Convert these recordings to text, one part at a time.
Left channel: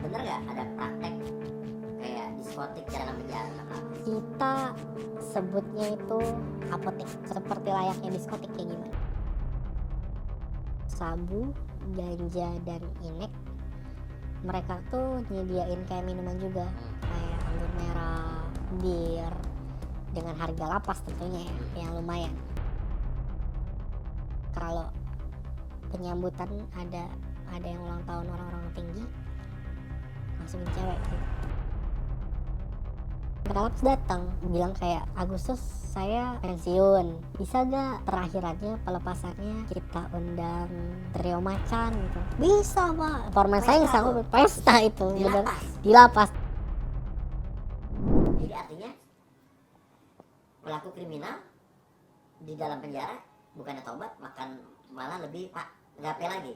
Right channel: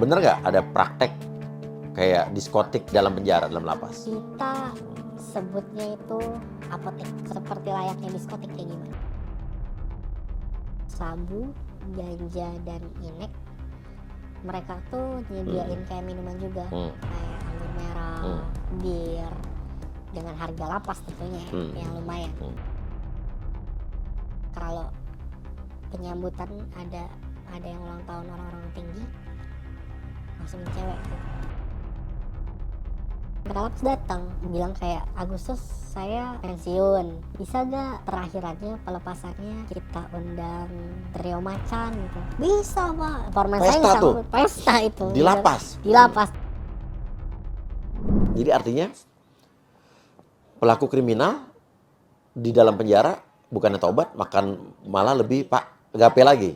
Bener nggak ada praktek kayak diskotik dalam penjara, dalam lapas? Kita sebutnya itu apotek, seperti layaknya diskotik kayak gimana. Sabu, ganja, dan inek, mereka tuh nyediain kayak minuman juga, kayak anggur merah, bir, dengan harga lapas tentunya yang lumayan. Kalau penyambutan ada yang ulang tahun orang-orang tinggi, langsung cewek. Lapas datang bilang kayak, Agustus saya pensiun, bisa gak terakhirannya pelepasannya kita undang trio macan gitu. Bisa pak, format saya Pesta bisa tuh? pesta itu Di lapas? Di lapas. Jadi artinya pelaku kriminal di dalam penjara bukannya tobat, malah lebih gape lagi.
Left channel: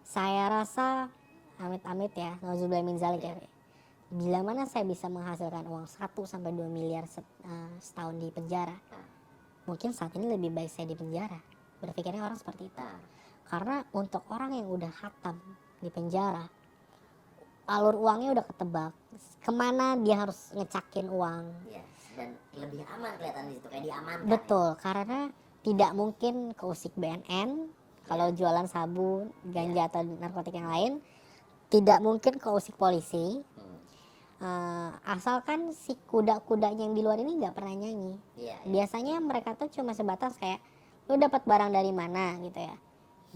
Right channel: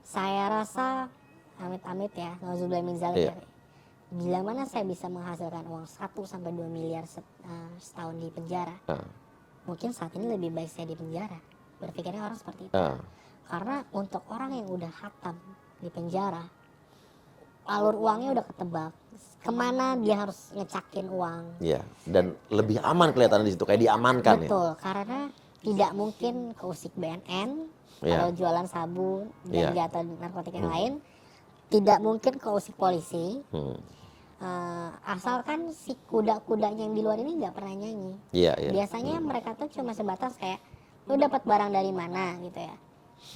Saya rasa amit-amit ya, nauzubillah min dzalik ya. Bila mana saya bisa menghasilkan uang 1-2 miliar setahun di penjara, mungkin saat ini lebih baik saya di penjara. Berpikirnya orang seperti itu. Karena untuk orang yang udah khatam di penjara, alur uangnya udah ketebak. Kemana dia harus ngecakin uang? Iya. Dan lebih aman kelihatan di situ, kayak diamankan. Betul, karena tidak mungkin ke usik BNN kalau jualan sabu, ganja atau narkotik yang lain. Tidak mungkin ke usik polisi. Asalkan si kuda-kudanya yang di luar ini nggak pernah nyanyi. Biasanya mereka tuh cuma sebatas kayak, lu dapat barang dari mana gitu ya,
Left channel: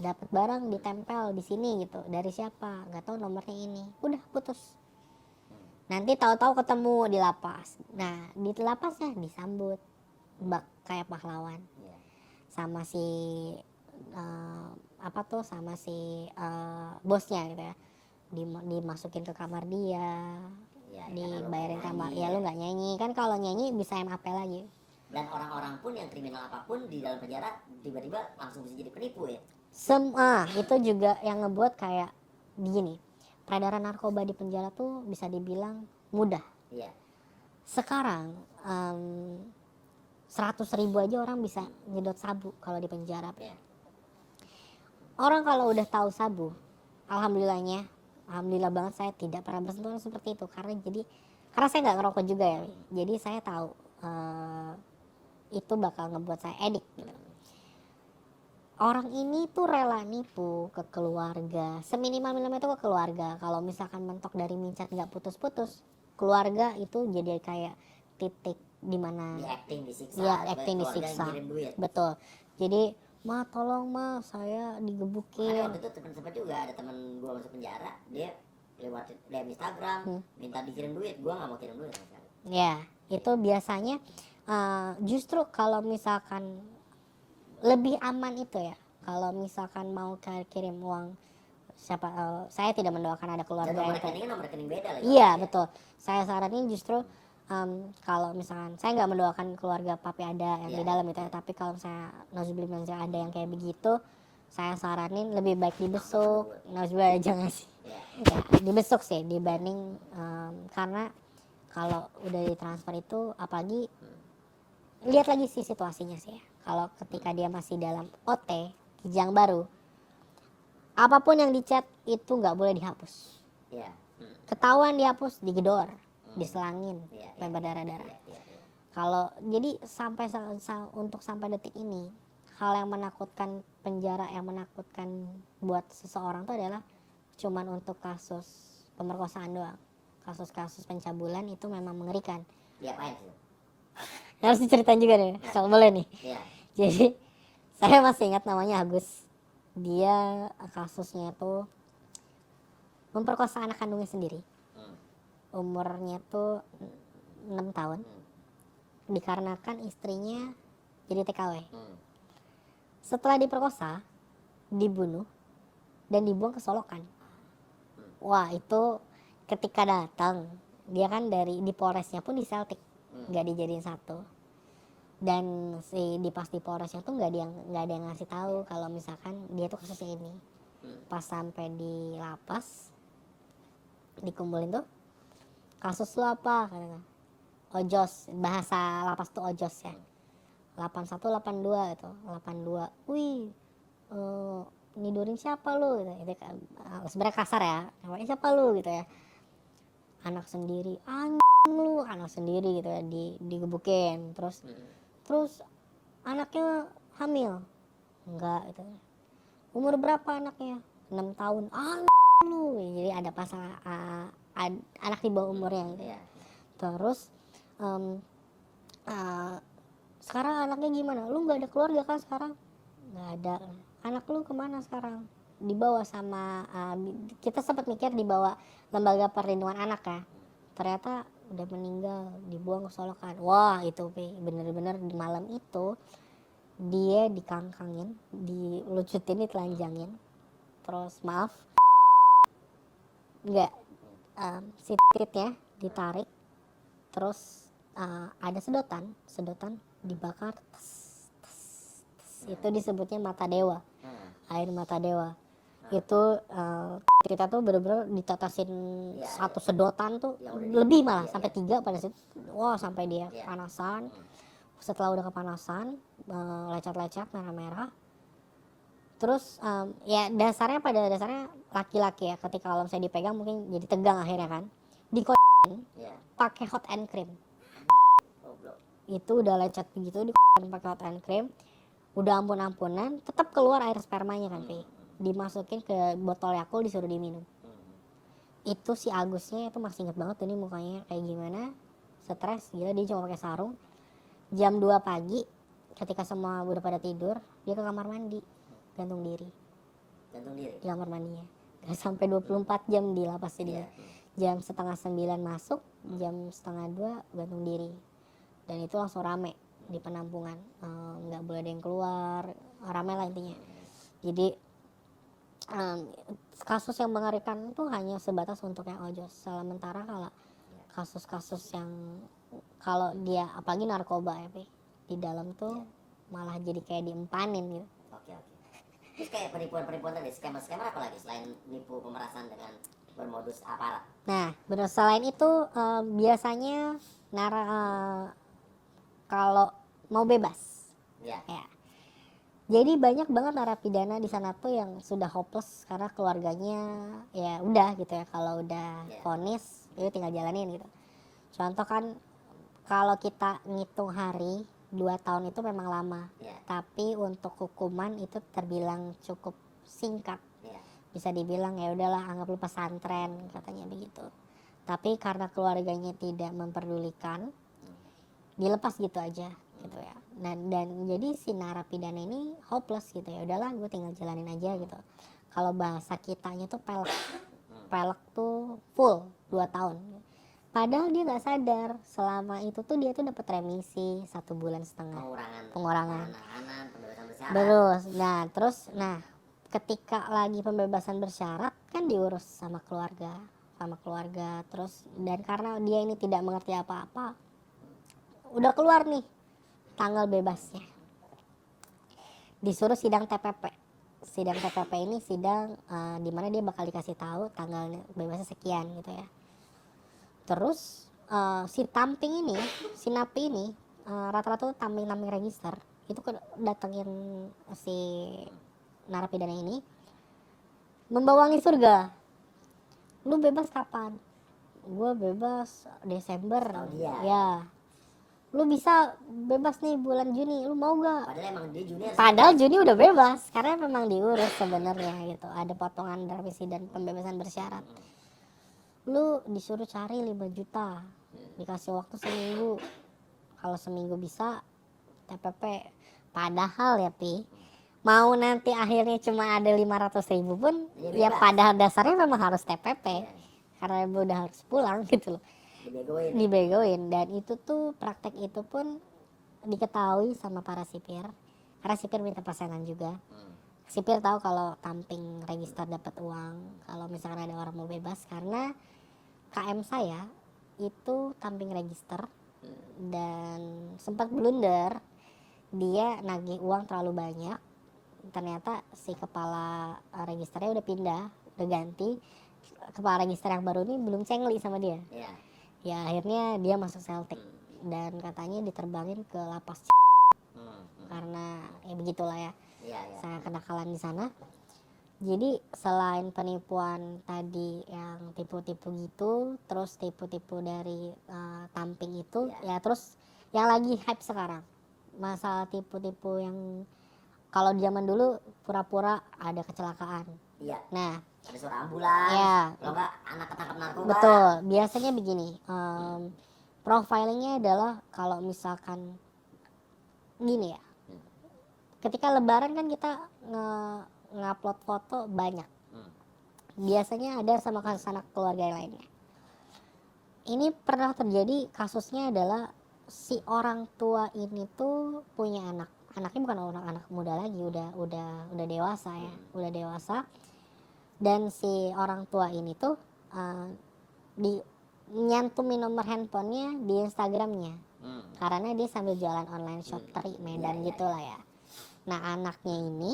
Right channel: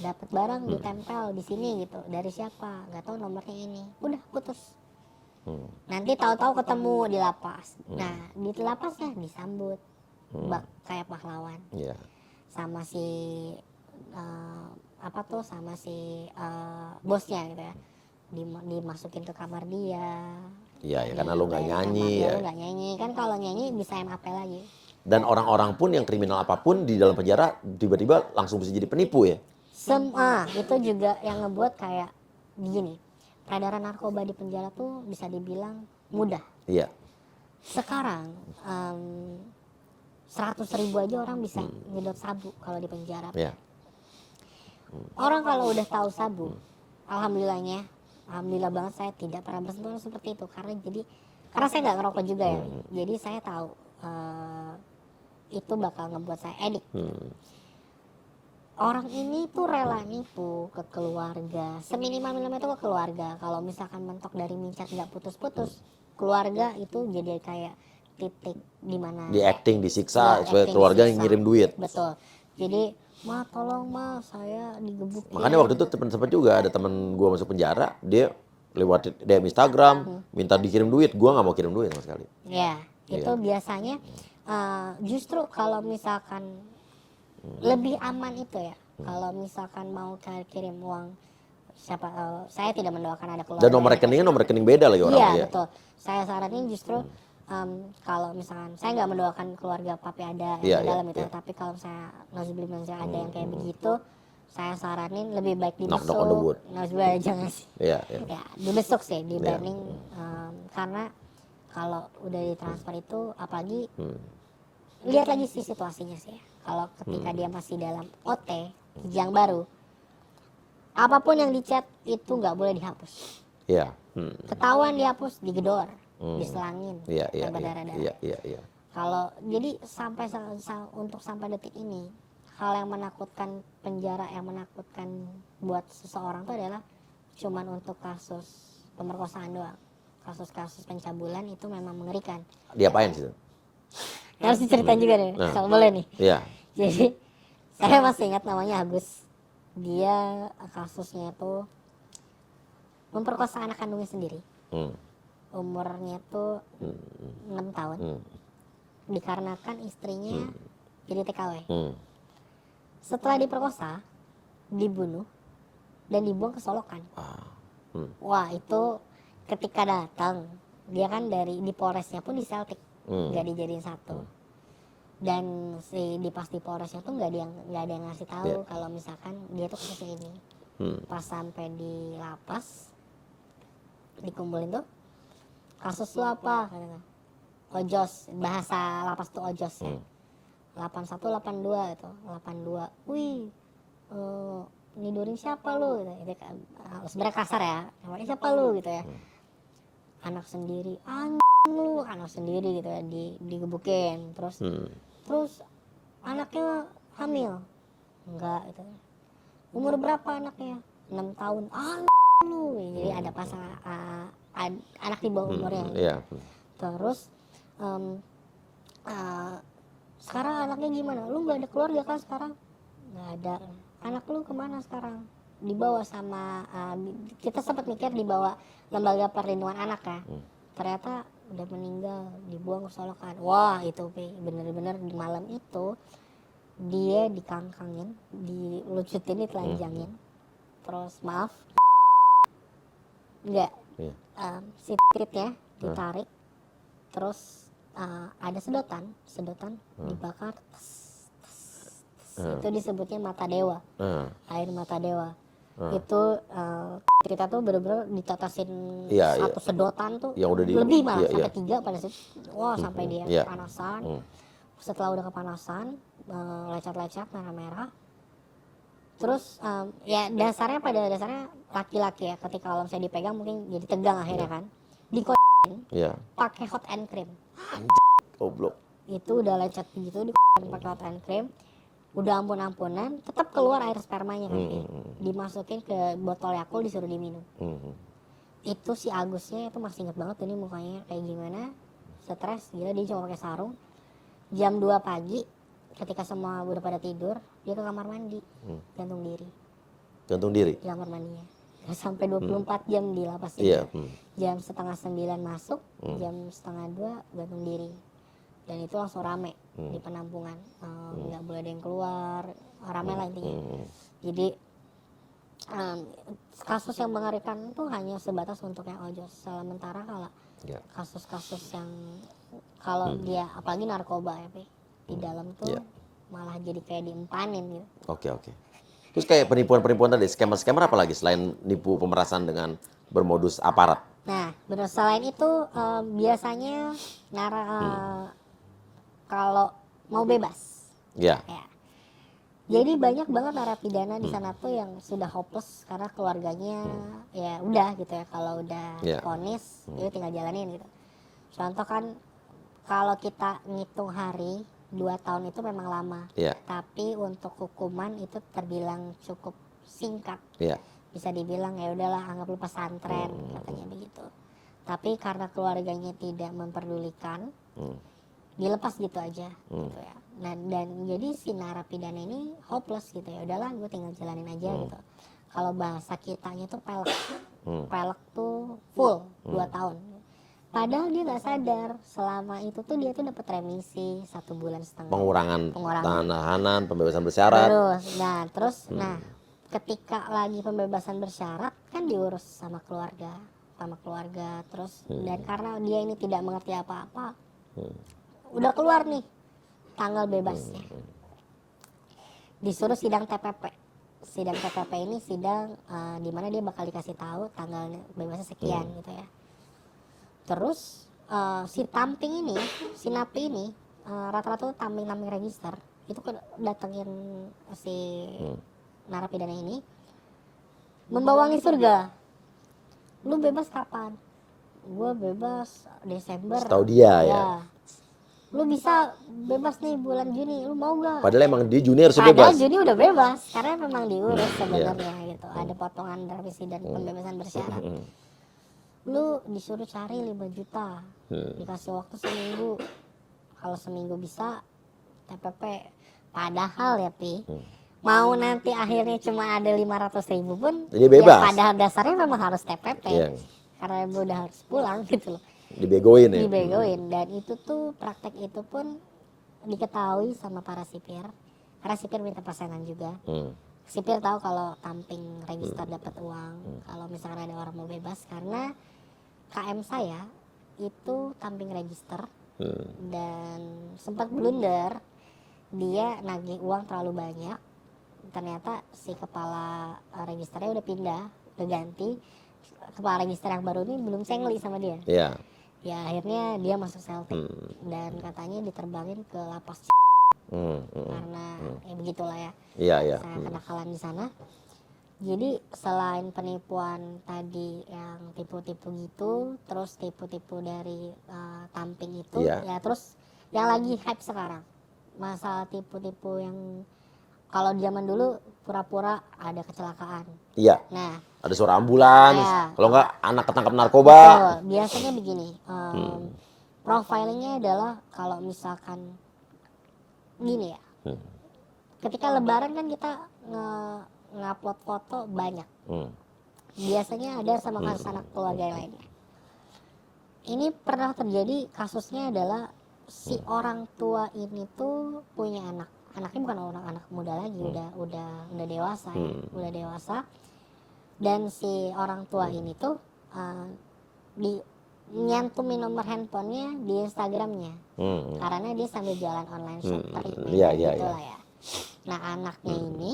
dapat barang ditempel di sini gitu, dari siapa, nggak tahu nomornya ini, udah putus. Nanti tahu-tahu ketemu di lapas. Nah di lapasnya disambut kayak pahlawan sama si sama si bosnya gitu ya, dimasukin ke kamar dia. Iya, karena lu nggak nyanyi ya. Lu nggak nyanyi kan, kalau nyanyi bisa MAP lagi. Dan orang-orang pun yang kriminal apapun di dalam penjara tiba-tiba langsung bisa jadi penipu ya. Itu juga yang ngebuat kayak begini, peredaran narkoba di penjara tuh bisa dibilang mudah. Iya. Sekarang 100.000 aja orang bisa ngedot sabu kalau di penjara. Orang kalau udah tahu sabu, alhamdulillah banget saya tidak pernah bersentuhan seperti itu, karena saya nggak ngerokok juga ya, jadi saya tahu itu bakal ngebuat saya edik. Orang ini tuh rela nipu ke keluarga, seminimal-minimalnya itu ke keluarga. Kalau misalkan mentok dari mincat nggak putus-putus, keluarga itu jadi kayak titik di mana di acting, disiksa supaya keluarga yang ngirim duit. Betul. Jadi, ma tolong ma, saya digebukin. Makanya waktu itu sempat juga ada temen gue masuk penjara, dia lewat DM Instagram minta dikirim duit, gue nggak mau kirim duit sama sekali. Ya, itu biasanya justru kalau misalkan lebih aman itu ya, kalau misalkan mau kirim uang saya tidak mendoakan ada keluarga. Dan nomor rekening beda lagi orang. Iya betul. Saya saranin justru kalau misalkan saya nggak mendoakan keluarga papi ada yang di dalam itu, tapi kalau saya nauzubillah ada yang kayak begitu, saya saranin lebih baik dibesuk. Nauzubillah jangan sih. Ya, dibesuk sih dibanding karena kalau udah ditransfer itu, apalagi lihat lagi sih situasinya sih ya. Kalau ketika dia masih dalam OT kijang baru, apapun yang dicat itu nggak boleh dihapus. Iya. Ketahuan dihapus, digedor, diselangin, dan berdarah-darah. Kalau jadi untuk sampai detik ini, hal yang menakutkan penjara, yang menakutkan buat seseorang itu adalah cuman untuk kasus pemerkosaan doang. Kasus-kasus pencabulan itu memang mengerikan. Diapain sih? Harus diceritain juga nih, kalau boleh nih. Iya. Jadi saya masih ingat namanya Agus. Dia kasusnya tuh memperkosa anak kandungnya sendiri. Umurnya tuh 6 tahun. Dikarenakan istrinya jadi TKW. Setelah diperkosa, dibunuh dan dibuang ke Solokan. Wah, itu ketika datang, dia kan di Polresnya pun di Celtic, nggak dijadiin satu. Dan di Polresnya tuh nggak ada yang ngasih tahu kalau misalkan dia tuh kasusnya ini. Pas sampai di lapas, dikumpulin tuh, kasus lu apa? Ojos, bahasa lapas tuh ojos ya. 81, 82 itu, 82. Wih, nidorin siapa lu? Gitu kan. Sebenarnya kasar ya, namanya siapa lu gitu ya. anak sendiri, lu anak sendiri gitu ya, digebukin. Terus anaknya hamil, enggak gitu. Umur berapa anaknya? 6 tahun. Lu. Jadi ada anak di bawah umurnya. Iya. Terus sekarang anaknya gimana? Lu nggak ada keluarga kan sekarang? Nggak ada. Anak lu kemana sekarang? Dibawa sama kita sempat mikir dibawa lembaga perlindungan anak ya. Ternyata udah meninggal, dibuang ke Solokan. Wah itu bener-bener di malam itu dia dikangkangin, dilucutin, ditelanjangin. Terus maaf, enggak, titiknya ditarik. Terus ada sedotan dibakar. Itu disebutnya mata dewa, air mata dewa. Itu kita tuh bener-bener ditetesin satu sedotan tuh lebih malah sampai 3 pada situ. Wah sampai dia kepanasan. Setelah udah kepanasan, lecet-lecet merah-merah. Terus ya pada dasarnya laki-laki ya, ketika kalau misalnya dipegang mungkin jadi tegang akhirnya kan. Pakai hot and cream. Goblok. Itu udah lecet gitu pakai hot and cream. Udah ampun-ampunan, tetap keluar air spermanya kan. Dimasukin ke botol Yakult, disuruh diminum. Itu si Agusnya itu masih inget banget ini mukanya kayak gimana. Stres, dia cuma pakai sarung. Jam 2 pagi ketika semua udah pada tidur, dia ke kamar mandi, gantung diri di kamar mandinya. Sampai 24 jam di lapas itu. Jam 8:30 masuk, jam 1:30 gantung diri. Dan itu langsung rame di penampungan, nggak boleh ada yang keluar, rame lah intinya. Jadi kasus yang mengerikan itu hanya sebatas untuk yang ojos. Sementara kalau kasus-kasus yang kalau dia apalagi narkoba ya, di dalam tuh malah jadi kayak diempanin gitu. Oke. Terus kayak penipuan-penipuan tadi, scammer-scammer apa lagi selain nipu pemerasan dengan bermodus aparat? Nah, benar, selain itu biasanya kalau mau bebas. Ya. Jadi banyak banget narapidana di sana tuh yang sudah hopeless karena keluarganya ya udah gitu ya, kalau udah vonis itu tinggal jalanin gitu. Contoh kan kalau kita ngitung hari 2 tahun itu memang lama. Tapi untuk hukuman itu terbilang cukup singkat. Bisa dibilang ya udahlah anggap lu pesantren katanya begitu. Tapi karena keluarganya tidak memperdulikan, dilepas gitu aja gitu ya. Dan jadi si narapidana ini hopeless gitu ya. Udahlah gue tinggal jalanin aja gitu. Kalau bahasa kitanya tuh pelek. Pelek tuh full 2 tahun. Padahal dia nggak sadar selama itu tuh dia tuh dapat remisi 1,5 bulan. Pengurangan tahanan, pembebasan bersyarat. Terus ketika lagi pembebasan bersyarat kan diurus sama keluarga terus dan karena dia ini tidak mengerti apa-apa, udah keluar nih tanggal bebasnya, disuruh sidang TPP. Sidang TPP ini sidang di mana dia bakal dikasih tahu tanggalnya bebasnya sekian gitu ya. Terus si tamping ini, si napi ini rata-rata tamping register itu kan datengin si narapidana ini membawangi surga. Lu bebas kapan? Gue bebas Desember. Tahu dia ya. Lu bisa bebas nih bulan Juni, lu mau gak? Padahal emang di Juni harus bebas. Padahal Juni udah bebas karena memang diurus sebenarnya gitu. Ada potongan remisi dan pembebasan bersyarat. Lu disuruh cari 5 juta, dikasih waktu seminggu. Kalau seminggu bisa TPP. Padahal ya mau nanti akhirnya cuma ada 500.000 pun ya pada dasarnya memang harus TPP. Karena ibu udah harus pulang gitu. Dibegoin ya? Dibegoin. Dan itu tuh praktek itu pun diketahui sama para sipir. Karena sipir minta persenan juga. Sipir tahu kalau tamping register dapat uang. Kalau misalkan ada orang mau bebas, karena KM saya itu tamping register dan sempat blunder, dia nagih uang terlalu banyak. Ternyata si kepala registernya udah pindah, udah ganti. Kepala register yang baru ini belum sengli sama dia. Ya akhirnya dia masuk saltik dan katanya diterbangin ke lapas karena ya begitulah ya. Sangat kenakalan di sana. Jadi selain penipuan tadi yang tipu-tipu gitu, terus tipu-tipu dari tamping itu, Iya. ya terus yang lagi hype sekarang, masalah tipu-tipu yang kalau zaman dulu pura-pura ada kecelakaan. Iya. Nah, Ada suara ambulans. Iya. Kalau nggak anak ketangkap narkoba. betul. Biasanya begini, profilingnya adalah kalau misalkan gini ya, ketika Lebaran kan kita ngupload foto banyak. Hmm. Biasanya ada sama kasus anak keluarga yang lainnya. Ini pernah terjadi, kasusnya adalah si orang tua ini tuh punya anak. Anaknya bukan anak muda lagi, udah dewasa ya, udah dewasa. Dan si orang tua ini tuh nyantumin nomor handphonenya di Instagramnya, karena dia sambil jualan online shop teri Medan gitu lah ya. Nah anaknya ini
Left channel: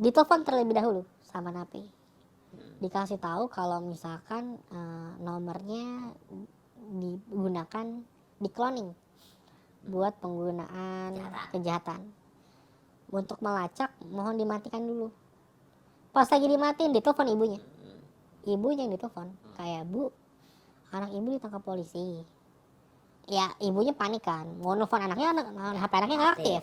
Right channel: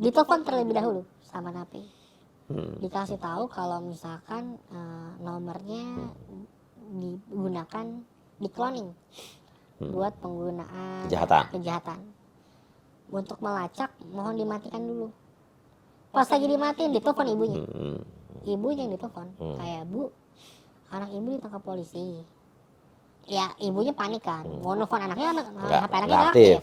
ditelepon terlebih dahulu sama napi, dikasih tahu kalau misalkan nomornya digunakan di cloning buat penggunaan kejahatan. Untuk melacak mohon dimatikan dulu. Pas lagi dimatiin ditelepon ibunya, ibunya yang ditelepon kayak, "Bu, anak ibu ditangkap polisi." Ya ibunya panik kan, mau nelfon anaknya, HP anaknya nggak aktif.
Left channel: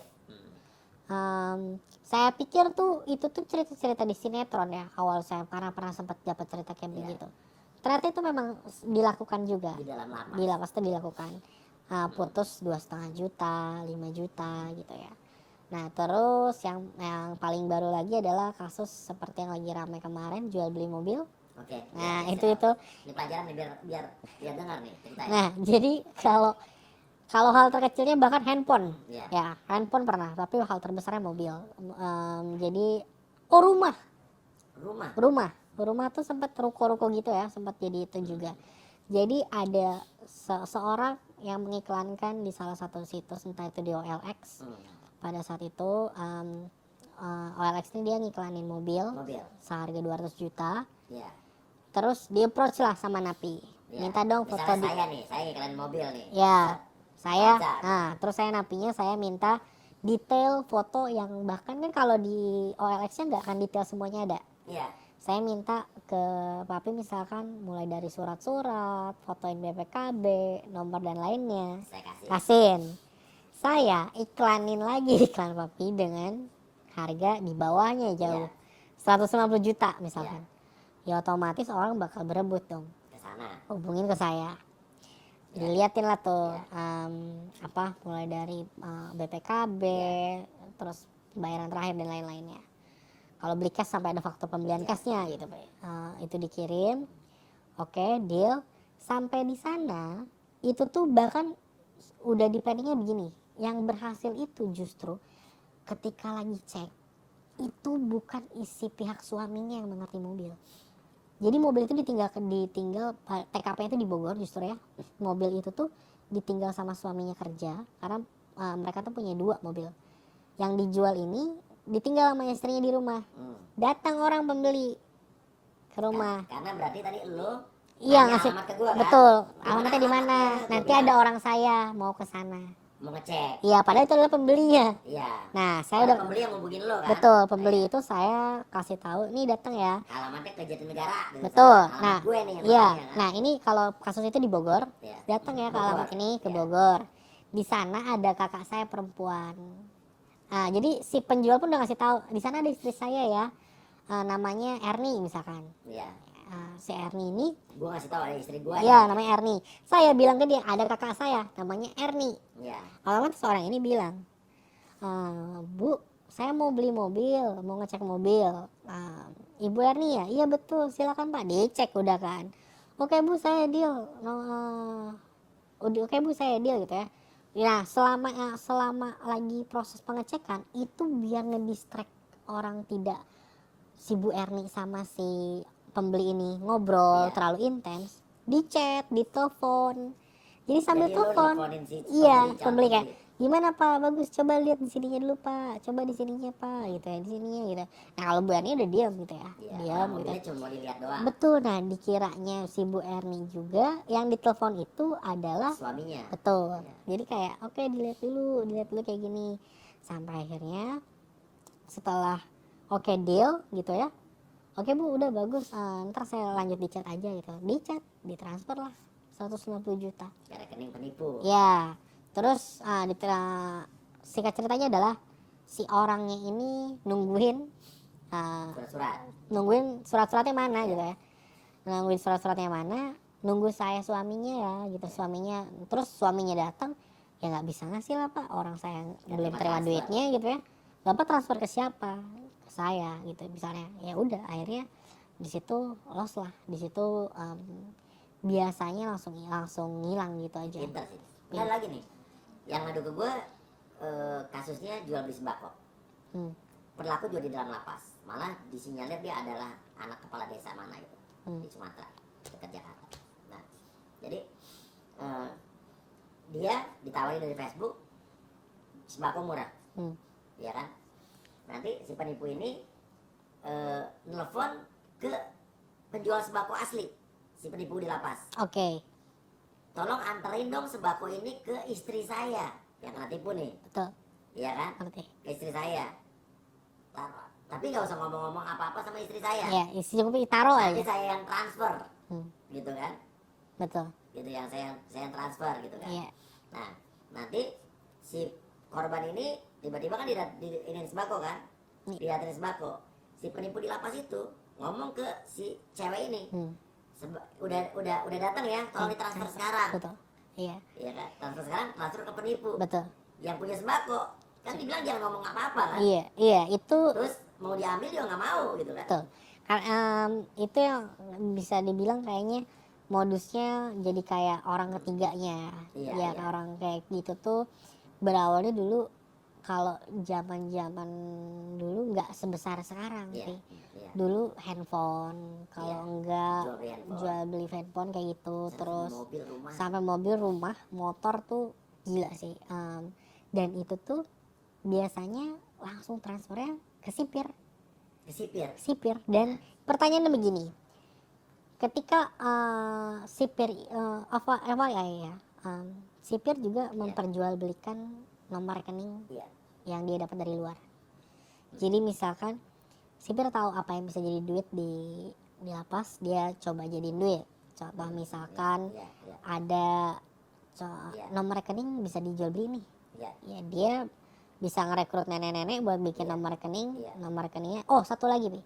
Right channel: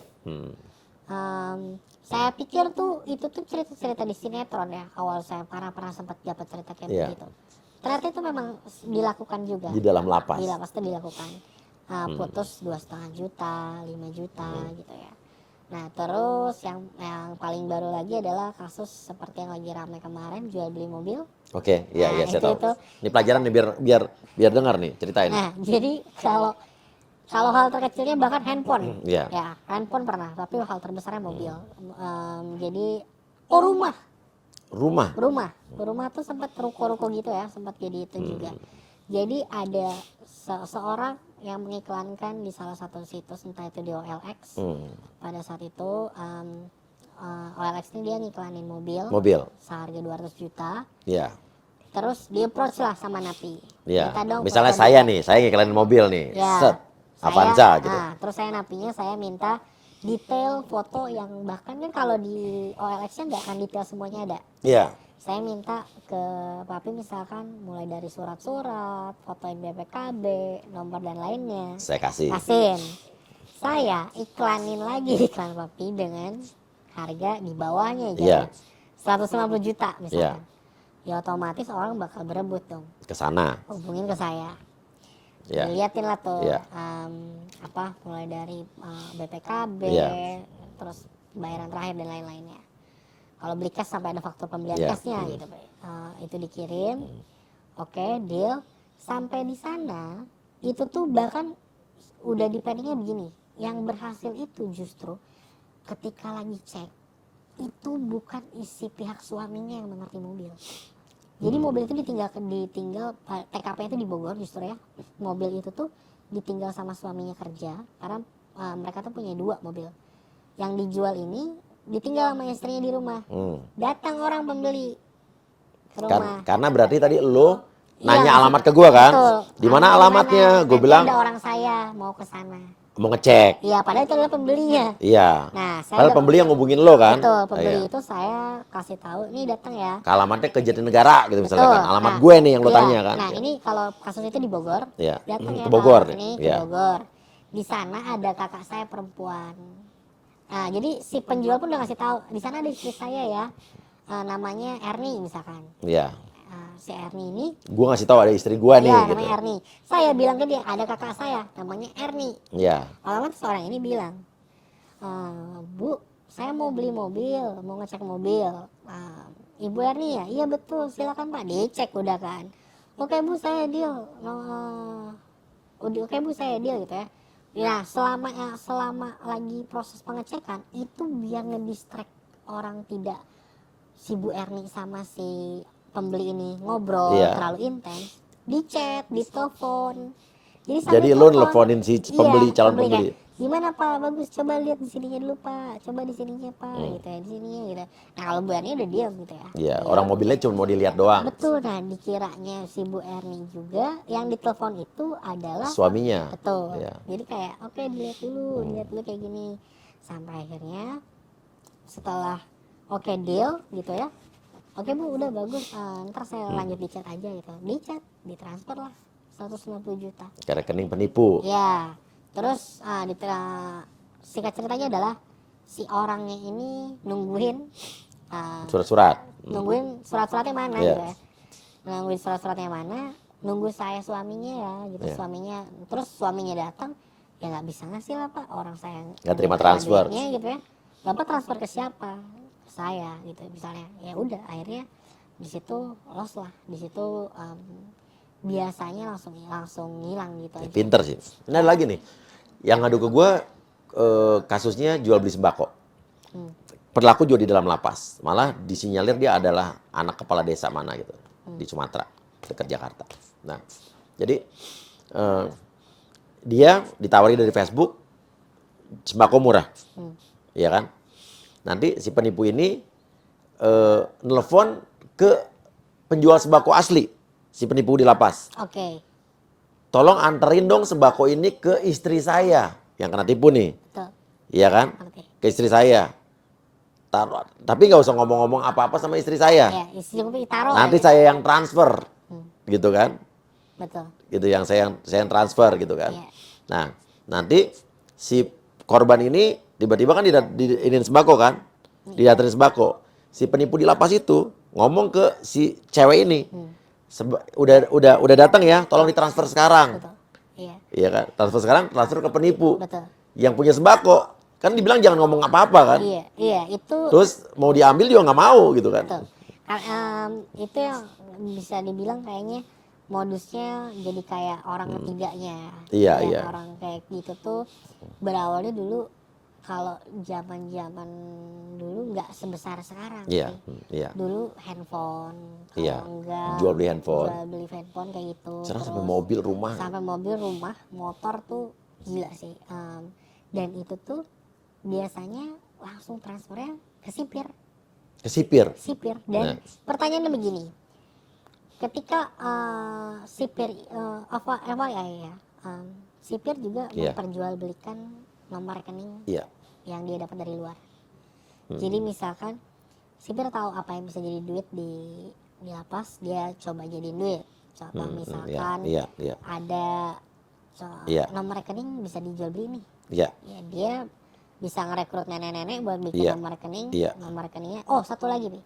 Saya pikir tuh itu tuh cerita-cerita di sinetron ya, awal saya karena pernah sempat dapat cerita kayak begitu. Ternyata itu memang dilakukan juga Di dalam lapas. Di lapas itu dilakukan. Putus 2,5 juta, 5 juta gitu ya. Nah terus yang paling baru lagi adalah kasus seperti yang lagi ramai kemarin, jual beli mobil. Oke, iya, Nah, saya tahu. itu. Ini pelajaran nih biar dengar nih, ceritain. Nah jadi kalau hal terkecilnya bahkan handphone, Iya. ya handphone pernah, tapi hal terbesarnya mobil. Jadi rumah tuh sempat ruko-ruko gitu ya, sempat jadi itu juga. Jadi ada seorang yang mengiklankan di salah satu situs, entah itu di OLX. Pada saat itu OLX ini dia ngiklanin mobil seharga 200 juta. Iya. Terus di approach lah sama napi. Iya. Minta dong Misalnya foto saya dia. nih, saya ngiklanin mobil nih. Ya, Set. Avanza gitu. terus saya napinya saya minta detail foto yang bahkan kan kalau di OLX-nya nggak akan detail semuanya ada. Iya. Saya minta ke papi misalkan mulai dari surat-surat, fotoin BPKB, nomor dan lainnya. Saya kasih. Saya iklanin lagi iklan papi dengan harga di bawahnya Iya. jauh. 150 juta misalkan. Ya otomatis orang bakal berebut dong. Ke sana. Hubungin ke saya. Iya. Diliatin lah tuh Iya. mulai dari BPKB, Iya. terus bayaran terakhir dan lain-lainnya. Kalau beli cash sampai ada faktur pembelian Iya. cashnya gitu. Itu dikirim, oke, deal. Sampai di sana itu tuh bahkan udah di planningnya begini. Yang berhasil itu justru ketika lagi cek itu bukan isi pihak suaminya yang mengerti mobil. Jadi mobil itu ditinggal TKP itu di Bogor justru ya. Mobil itu tuh ditinggal sama suaminya kerja karena mereka tuh punya 2 mobil. Yang dijual ini ditinggal sama istrinya di rumah. Datang orang pembeli ke rumah. Karena berarti tadi lo nanya alamat ke gua kan? Betul. Di mana alamatnya? Gue Nanti bilang ada orang saya mau ke sana. mau ngecek. Iya, padahal itu adalah pembelinya. Iya. Nah, saya Padahal pembeli yang ngubungin lo kan? Betul, pembeli Iya. itu saya kasih tahu, "Nih datang ya." Ke alamatnya ke Jatinegara gitu Betul. misalnya kan. Alamat gue nih yang lo iya. tanya kan? Nah, ini kalau kasus itu di Bogor, Iya. datang ya Ke Bogor. ke ini ke Iya. Bogor. Di sana ada kakak saya perempuan. Nah, jadi si penjual pun udah ngasih tahu, "Di sana ada istri saya ya. Namanya Erni misalkan." Iya. Si Erni ini, Gue ngasih tahu ada istri gue nih. ya gitu. namanya Erni. Saya bilang ke dia, "Ada kakak saya namanya Erni." Iya. Lalu seorang ini bilang, "Bu, saya mau beli mobil, mau ngecek mobil. Ibu Erni ya?" "Iya betul, silakan Pak." Dicek udah kan. "Oke Bu, saya deal." Oke Bu, saya deal gitu ya. Ya selama lagi proses pengecekan itu biar ngedistract orang tidak si Bu Erni sama si pembeli ini ngobrol Iya. terlalu intens, di chat, di telepon. Jadi sambil Jadi lo telepon. nelfonin si pembeli, calon pembeli. Kayak, "Gimana Pak, bagus, coba lihat di sininya dulu Pak, coba di sininya Pak," gitu ya, di sininya gitu. Nah kalau Bu Erni udah diam gitu ya. Iya. Orang mobilnya cuma mau dilihat doang. Betul, nah dikiranya si Bu Erni juga yang ditelepon itu adalah Suaminya. betul. Iya. Jadi kayak oke, dilihat dulu kayak gini. Sampai akhirnya setelah oke deal gitu ya, oke Bu udah bagus, ntar saya lanjut di chat aja gitu, di chat ditransfer lah 150 juta Ke rekening penipu. ya. Terus singkat ceritanya adalah si orangnya ini nungguin Surat-surat. nungguin surat-suratnya mana Iya. gitu ya, nungguin suratnya mana, nunggu saya suaminya ya gitu. Iya. Suaminya, terus suaminya datang, ya nggak bisa ngasih lah Pak, orang saya Nggak terima transfer. duitnya gitu ya. Bapak transfer ke siapa? Ke saya gitu misalnya. Ya udah, akhirnya di situ loss lah, di situ biasanya langsung hilang gitu aja. Pinter sih. Ini ada lagi nih, yang ngadu ke gue kasusnya jual beli sembako. Berlaku juga di dalam lapas. Malah disinyalir dia adalah anak kepala desa mana gitu di Sumatera dekat Jakarta. Nah, jadi dia ditawari dari Facebook sembako murah, ya kan? Nanti si penipu ini nelfon ke penjual sembako asli, si penipu di lapas. Oke. Tolong anterin dong sembako ini ke istri saya yang kena tipu nih, Betul. iya kan? Ngerti. Ke istri saya. Tapi nggak usah ngomong-ngomong apa-apa sama istri saya. Ya, cukup ditaruh Nanti aja. saya yang transfer, gitu kan? Betul. Gitu yang saya yang transfer gitu kan. Iya. Nah, nanti si korban ini tiba-tiba kan diinin sembako kan? Didaterin sembako. Si penipu di lapas itu ngomong ke si cewek ini. Udah datang ya, tolong ditransfer sekarang. Betul. Iya. Iya kan? Transfer sekarang, transfer ke penipu. Betul. Yang punya sembako. Kan dibilang jangan ngomong apa-apa kan? Iya, itu Terus mau diambil juga nggak mau gitu kan? betul. Itu yang bisa dibilang kayaknya modusnya jadi kayak orang ketiganya. Iya, Yang iya. orang kayak gitu tuh berawalnya dulu, kalau zaman dulu nggak sebesar sekarang Iya, sih. iya. Dulu handphone, kalau Iya. enggak Jual beli handphone. jual beli handphone kayak gitu. Sekarang Terus sampai mobil, rumah. sampai mobil, rumah, motor tuh gila sih. Dan itu tuh biasanya langsung transfernya ke sipir. Kesipir. Dan pertanyaannya begini, ketika sipir sipir juga Iya. memperjualbelikan nomor rekening Iya. yang dia dapat dari luar. Jadi misalkan sipir tahu apa yang bisa jadi duit di lapas, dia coba jadi duit. Contoh misalkan Iya, iya. ada Iya. nomor rekening bisa dijual beli nih. Iya. Ya, dia bisa ngerekrut nenek-nenek buat bikin Iya. nomor rekening. Iya. Nomor rekeningnya, oh satu lagi nih,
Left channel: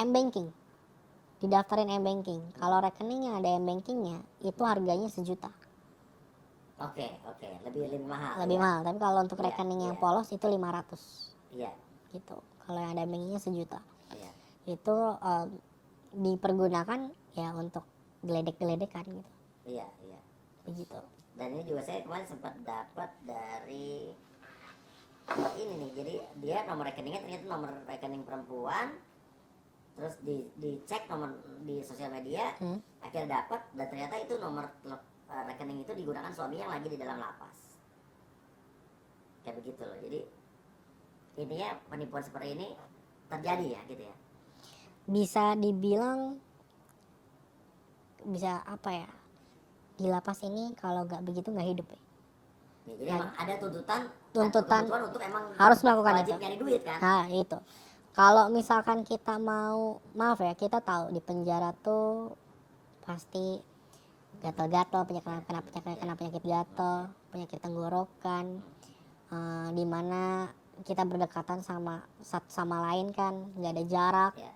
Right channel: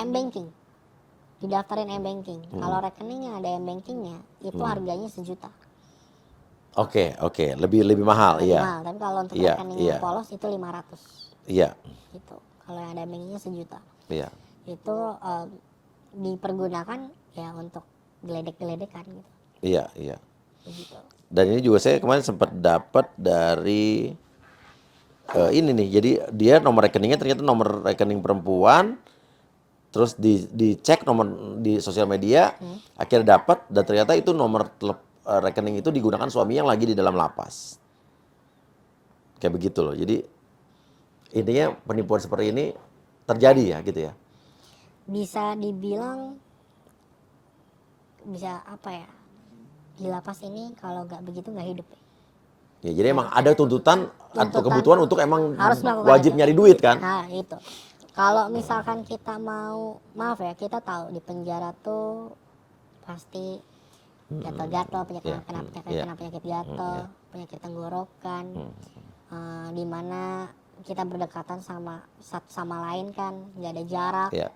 M-banking, didaftarin M-banking. Kalau rekening yang ada M-bankingnya itu harganya 1 juta, Oke, lebih mahal, lebih iya. mahal. Tapi kalau untuk Iya, rekening iya. yang polos itu 500 Iya, gitu. Kalau yang ada M-bankingnya 1 juta, iya. itu dipergunakan ya untuk geledek-geledekan gitu. Iya, iya. Begitu. Dan ini juga saya kemarin sempat dapat dari ini nih. Jadi dia nomor rekeningnya ternyata nomor rekening perempuan. Terus dicek nomor di sosial media, akhirnya dapat dan ternyata itu nomor rekening itu digunakan suami yang lagi di dalam lapas. Kayak begitu loh. Jadi intinya penipuan seperti ini terjadi ya gitu ya. Bisa dibilang, bisa apa ya, di lapas ini kalau nggak begitu nggak hidup. Ya, jadi emang ada tuntutan atau kebutuhan untuk emang harus melakukan wajib itu. nyari duit kan? Nah itu, kalau misalkan kita mau, maaf ya, kita tahu di penjara tuh pasti gatal-gatal, penyakit gatal, penyakit tenggorokan, dimana kita berdekatan sama satu sama lain kan, nggak ada jarak. Iya.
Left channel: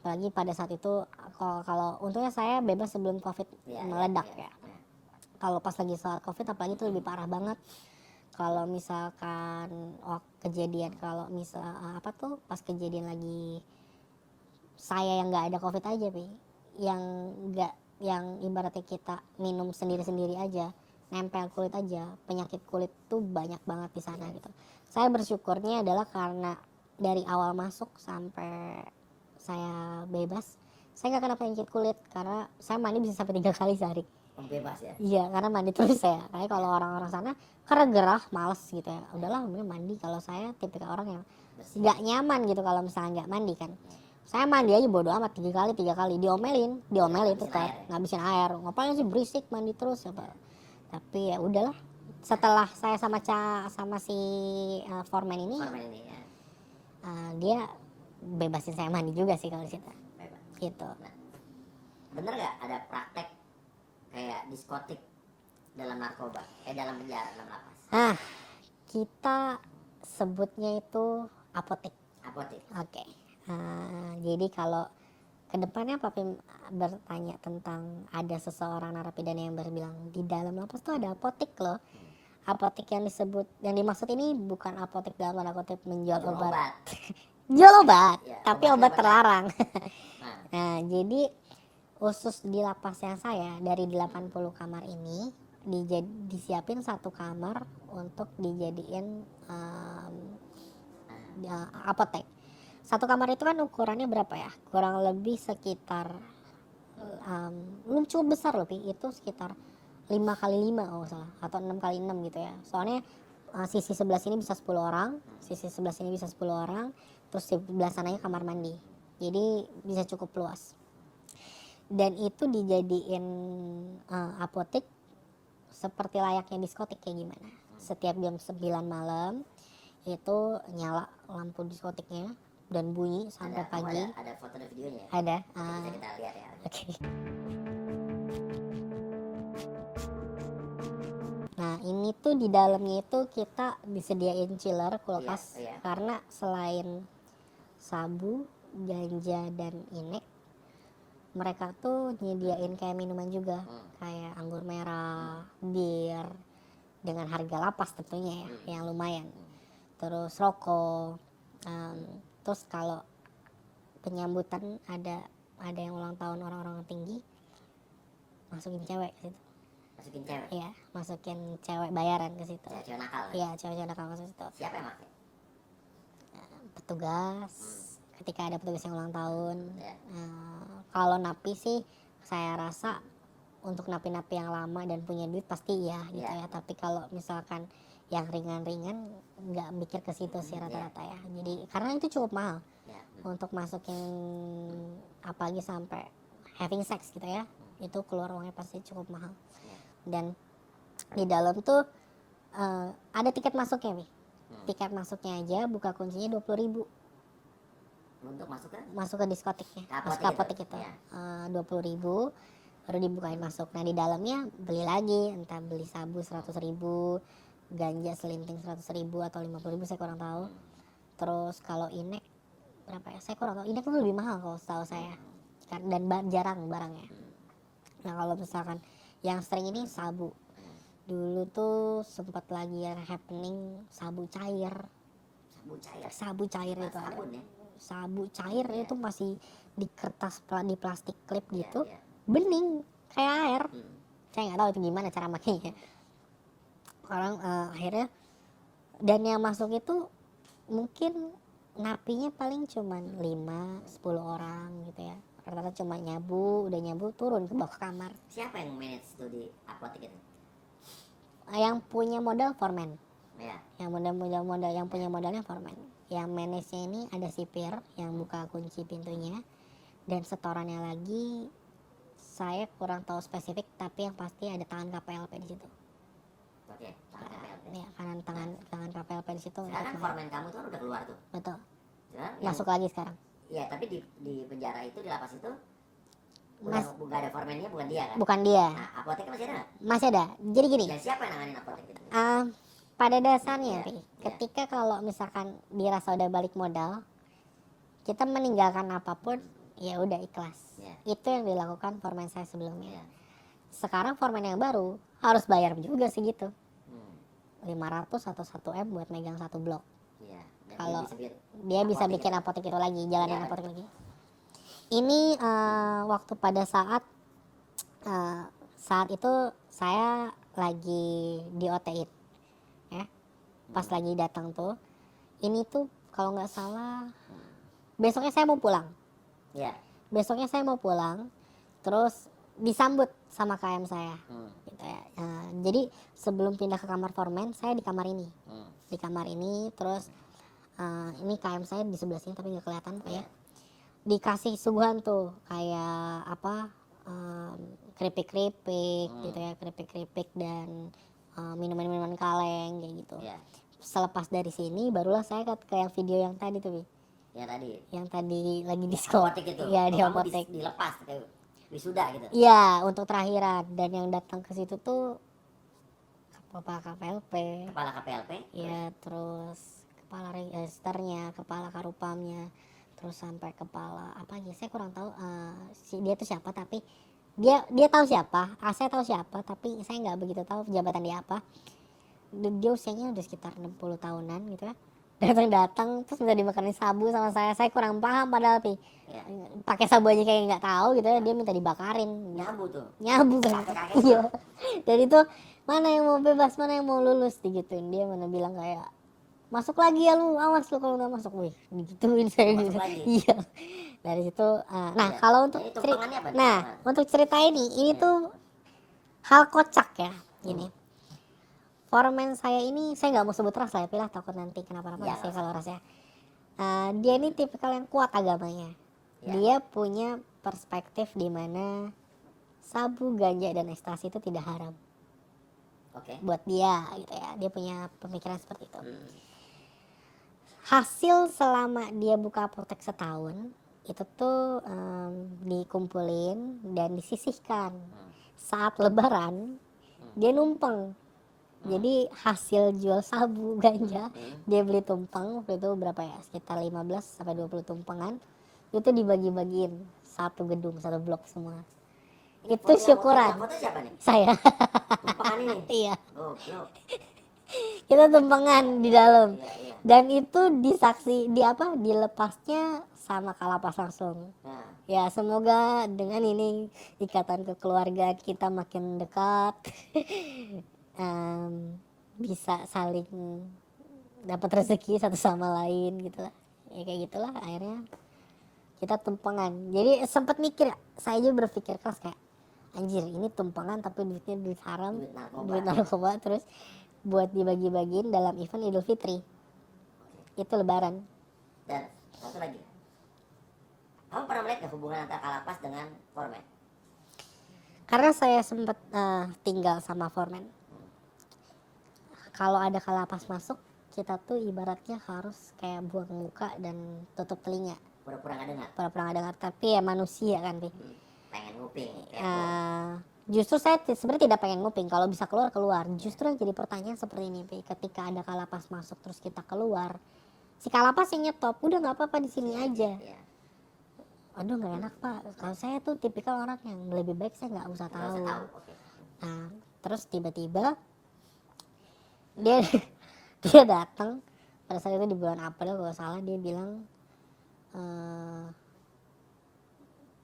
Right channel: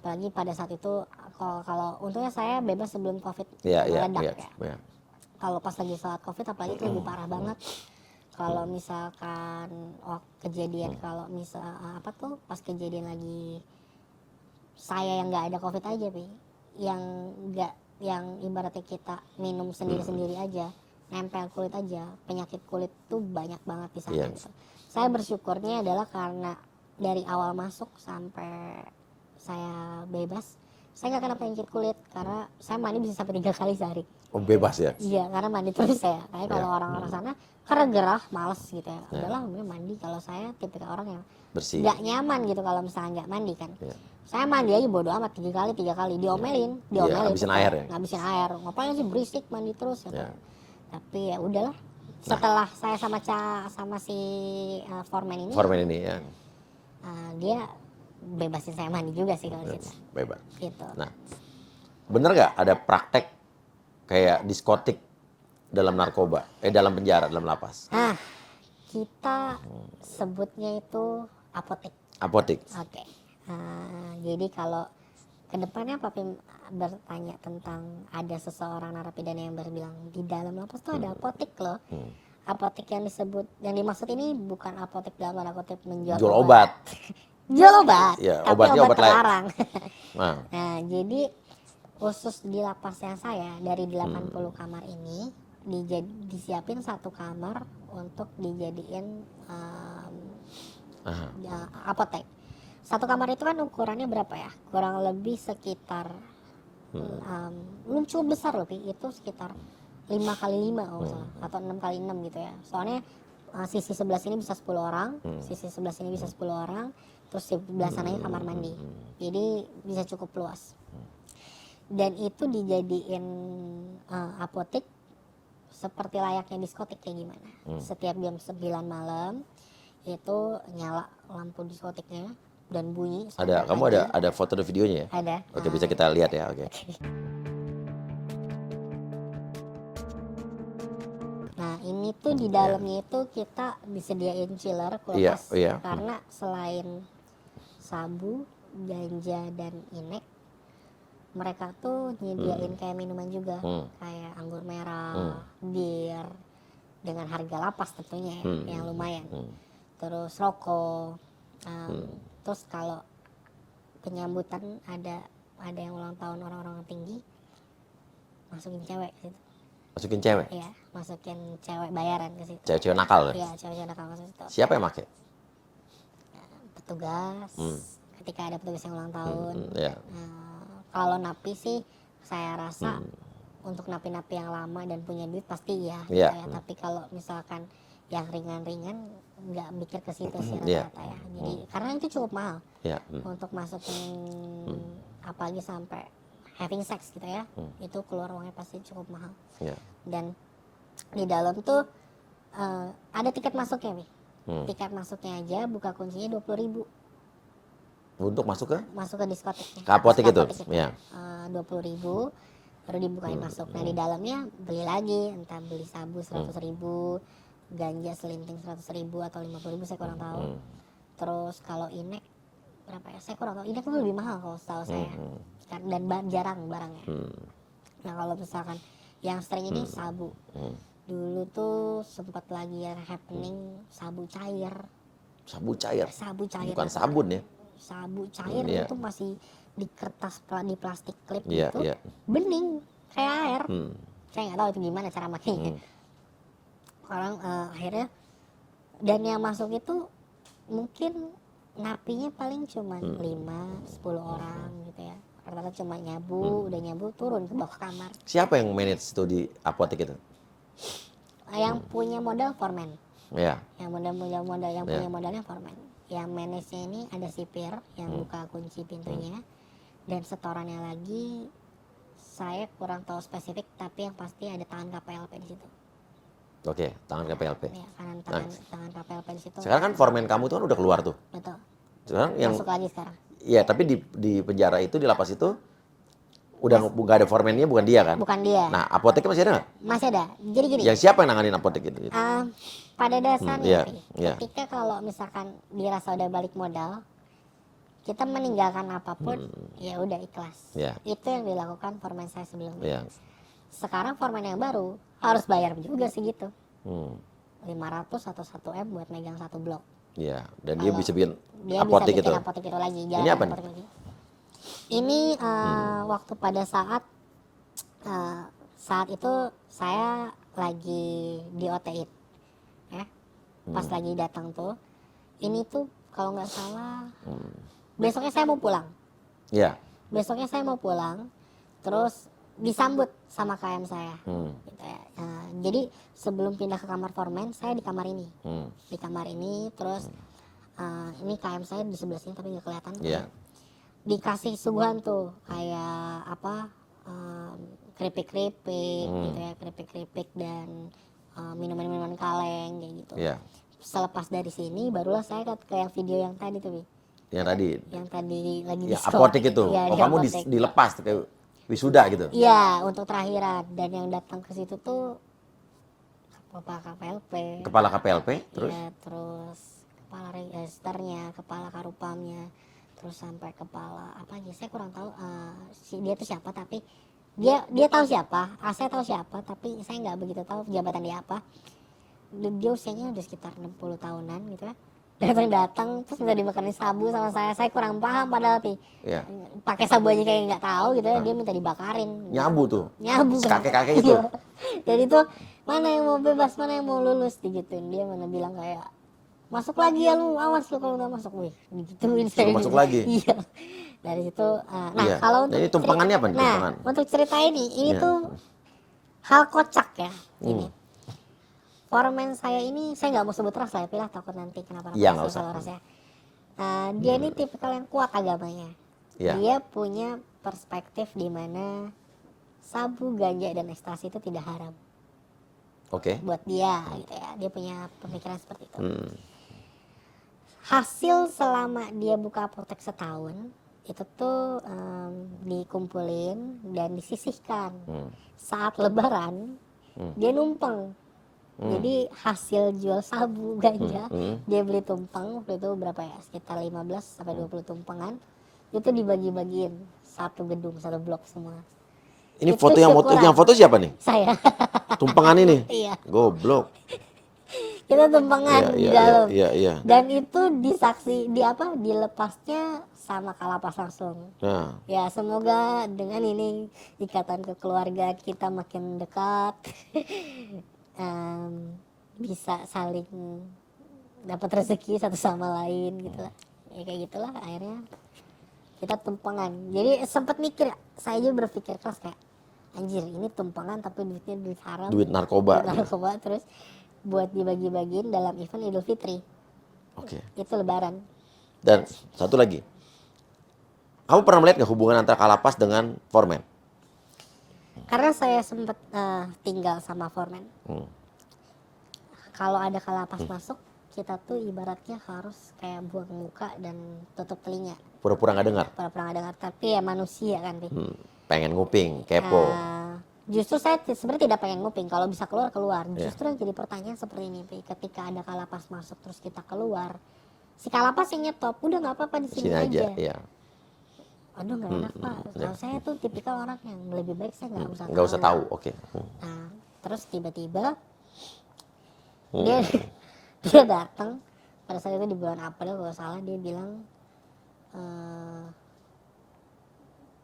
Apalagi pada saat itu, kalau untungnya saya bebas sebelum COVID meledak ya. Iya. Kalau pas lagi saat COVID apalagi itu lebih parah banget. Kalau misalkan kejadian, kalau misal pas kejadian lagi saya yang nggak ada COVID aja, yang ibaratnya kita minum sendiri-sendiri aja, nempel kulit aja, penyakit kulit tuh banyak banget di sana gitu. Saya bersyukurnya adalah karena dari awal masuk sampai saya bebas, saya nggak kena penyakit kulit karena saya mandi bisa sampai 3 kali sehari. Oh, bebas ya? Iya, karena mandi terus saya. Tapi kalau orang-orang sana karena gerah, males gitu ya. Udahlah, mending mandi. Kalau saya tipikal orang yang Bersih. nggak nyaman gitu kalau misalnya nggak mandi kan. Saya mandi aja bodo amat 3 kali diomelin ngabisin tetap. air ya? Ngabisin air. Ngapain sih berisik mandi terus gitu. Ya. Tapi ya udahlah. Setelah saya sama si foreman ini, Formen ini ya. dia bebasin saya mandi juga sih kalau di situ Bebas. gitu. Nah, bener nggak ada praktek kayak diskotik dalam narkoba, dalam penjara, dalam lapas? Kita sebutnya itu apotek. Apotek. Oke. Jadi kalau kedepannya Papi bertanya tentang ada seseorang narapidana yang berbilang di dalam lapas tuh ada apotek loh. Apotek yang disebut, yang dimaksud ini bukan apotek dalam tanda kutip menjual Jual obat. Jual obat, Ya, tapi obatnya obat obat lain. terlarang. Nah, Nah, jadi khusus di lapasnya saya dari 80 kamar ini disiapin satu kamar untuk dijadiin apotek. Satu kamar itu kan ukurannya berapa ya? Kurang lebih sekitar belum cukup besar loh, Pi. Itu sekitar 5 kali 5 kalau nggak salah, atau 6 kali 6 gitu ya. Soalnya sisi sebelah sini bisa 10 orang, sisi sebelah sini bisa 10 orang, terus sebelah sananya kamar mandi. Jadi bisa cukup luas. Dan itu dijadiin apotek seperti layaknya diskotik kayak gimana. Setiap jam 9 malam itu nyala lampu diskotiknya dan bunyi sampai kamu pagi. ada foto dan videonya ya? Ada. Oke, bisa kita lihat ya. Oke. Nah, ini tuh di dalamnya itu kita disediain chiller kulkas Iya. karena selain sabu, ganja dan inek, mereka tuh nyediain kayak minuman juga, kayak anggur merah, bir, dengan harga lapas tentunya ya, yang lumayan. Terus rokok, terus kalau penyambutan ada yang ulang tahun orang-orang tinggi, masukin cewek ke situ. Masukin cewek? Iya, masukin cewek bayaran ke situ. Cewek-cewek nakal ya? Iya, cewek-cewek nakal ke situ. Siapa yang pakai? Petugas, ketika ada petugas yang ulang tahun. Iya. Kalau napi sih, saya rasa untuk napi-napi yang lama dan punya duit pasti iya. Iya. Ya. Tapi kalau misalkan yang ringan-ringan nggak mikir ke situ sih rata-rata ya. Jadi karena itu cukup mahal Iya. untuk masukin apalagi sampai having sex gitu ya. Itu keluar uangnya pasti cukup mahal. Iya. Dan di dalam tuh ada tiket masuknya nih. Tiket masuknya aja buka kuncinya 20.000 Untuk masuk ke? masuk ke diskotiknya. Ke apotek itu? Ya. 20.000 baru dibukain masuk. Nah di dalamnya beli lagi, entah beli sabu 100.000, ganja selinting 100.000 atau 50.000 saya kurang tahu. Terus kalau inek berapa ya? Saya kurang tahu. Inek kan lebih mahal kalau setahu saya. Dan jarang barangnya. Nah kalau misalkan yang sering ini sabu. Dulu tuh sempat lagi yang happening sabu cair. Sabu cair? Sabu cair. Bukan sabun ya? Sabu cair itu masih di kertas, di plastik klip Iya, gitu. iya. Bening kayak air. Saya nggak tahu itu gimana cara makainya. Orang akhirnya, dan yang masuk itu mungkin napinya paling cuma 5-10 orang gitu ya. Rata-rata cuma nyabu, udah nyabu turun ke bawah kamar. Siapa yang manage itu di apotek itu? Yang punya modal foreman. Iya. Yang modal yang punya modalnya foreman. Yang manage ini ada sipir yang buka kunci pintunya, dan setorannya lagi saya kurang tahu spesifik, tapi yang pasti ada tangan KPLP di situ. Oke, tangan KPLP. Ya, tangan KPLP di situ. Sekarang kan foreman kamu tuh kan udah keluar tuh. Betul. Sekarang yang Masuk lagi sekarang. Iya, tapi di penjara itu, di lapas itu udah nggak ada foremannya, bukan dia kan? Bukan dia. Nah, apoteknya masih ada nggak? Masih ada. Jadi gini. Yang siapa yang nanganin apotek itu? Pada dasarnya, iya. ketika kalau misalkan dirasa udah balik modal, kita meninggalkan apapun, ya udah ikhlas. Iya. Itu yang dilakukan foreman saya sebelumnya. Iya. Sekarang foreman yang baru harus bayar juga segitu. Hmm. 500 atau 1 M buat megang satu blok. Iya, dan dia Kalau bisa bikin dia bisa apotek bikin itu. apotek itu lagi, Ini jalan apa apotek lagi. Ini waktu pada saat itu saya lagi di OT-in, ya. Pas lagi datang tuh, ini tuh kalau nggak salah besoknya saya mau pulang. Iya. Besoknya saya mau pulang, terus disambut sama KM saya. Gitu ya. Jadi sebelum pindah ke kamar foreman, saya di kamar ini. Di kamar ini, terus ini KM saya di sebelah sini tapi nggak kelihatan. Iya. Dikasih suguhan tuh kayak apa, keripik-keripik gitu ya, keripik-keripik dan minuman-minuman kaleng kayak gitu. Iya. selepas dari sini barulah saya ke yang video yang tadi tuh Wi. Yang tadi lagi ya diskon apotek itu. ya Oh, di kamu apotek dilepas kayak wisuda gitu. iya untuk terakhiran, dan yang datang ke situ tuh kepala KPLP Kepala KPLP terus ya, terus kepala registernya, kepala karupamnya, terus sampai kepala apa aja saya kurang tahu, si dia tuh siapa, tapi dia tahu siapa, saya tahu siapa, tapi saya nggak begitu tahu jabatan dia apa. Dia usianya udah sekitar 60 tahunan gitu ya, datang terus minta dimakanin sabu sama saya kurang paham padahal ya. pakai sabu aja kayak nggak tahu gitu ya, dia minta dibakarin, Nyabu tuh. nyabu kan. Kakek-kakek itu. Iya. Dan itu mana yang mau bebas, mana yang mau lulus digituin, dia malah bilang kayak masuk lagi ya lu, awas lu kalau nggak masuk, wih digituin saya masuk gitu. lagi. Iya, dari situ nah Iya. kalau Nah, untuk ini tumpangannya apa nih, nah tumpangan? untuk cerita ini Iya. tuh hal kocak ya ini. Foreman saya ini, saya nggak mau sebut ras lah ya, pilih takut nanti kenapa-napa Iya, sih nggak usah. kalau rasnya. Dia ini tipikal yang kuat agamanya. Iya. Dia punya perspektif di mana sabu, ganja, dan ekstasi itu tidak haram Oke. buat dia gitu ya. Dia punya pemikiran seperti itu. Hasil selama dia buka apotek setahun itu tuh dikumpulin dan disisihkan. Saat lebaran dia numpang. Jadi hasil jual sabu, ganja, dia beli tumpeng itu berapa ya, sekitar 15 sampai 20 tumpengan, itu dibagi-bagiin satu gedung, satu blok semua. Ini Itu foto syukuran. yang foto siapa nih? Saya. Tumpengan ini. Iya. Goblok. Kita tumpengan Iya, di iya, dalam. iya. Dan itu dilepasnya sama kalapas langsung. Nah, Ya semoga dengan ini ikatan kekeluargaan kita makin dekat. Bisa saling dapat rezeki satu sama lain gitu lah. Ya kayak gitulah akhirnya kita tumpengan. Jadi sempet mikir, saya juga berpikir keras kayak anjir ini tumpengan tapi duitnya duit haram, duit narkoba. terus buat dibagi-bagiin dalam event Idul Fitri. Oke. Itu lebaran. Dan satu lagi. Kamu pernah melihat nggak hubungan antara Kalapas dengan Foreman? Karena saya sempat tinggal sama foreman. Kalau ada kalapas masuk, kita tuh ibaratnya harus kayak buang muka dan tutup telinga. Pura-pura nggak dengar. Pura-pura nggak dengar, tapi ya manusia kan, Pi. Pengen nguping, kepo. Justru saya sebenarnya tidak pengen nguping, kalau bisa keluar. Justru yang jadi pertanyaan seperti ini, Pi. Ketika ada kalapas masuk terus kita keluar, si kalapas sih nyetop, udah nggak apa-apa di sini aja. Iya. Aduh nggak enak Pak. Kalau saya tuh tipikal orang yang lebih baik saya nggak usah Nggak usah tahu, oke. Nah, terus tiba-tiba dia datang pada saat itu di bulan April kalau salah, dia bilang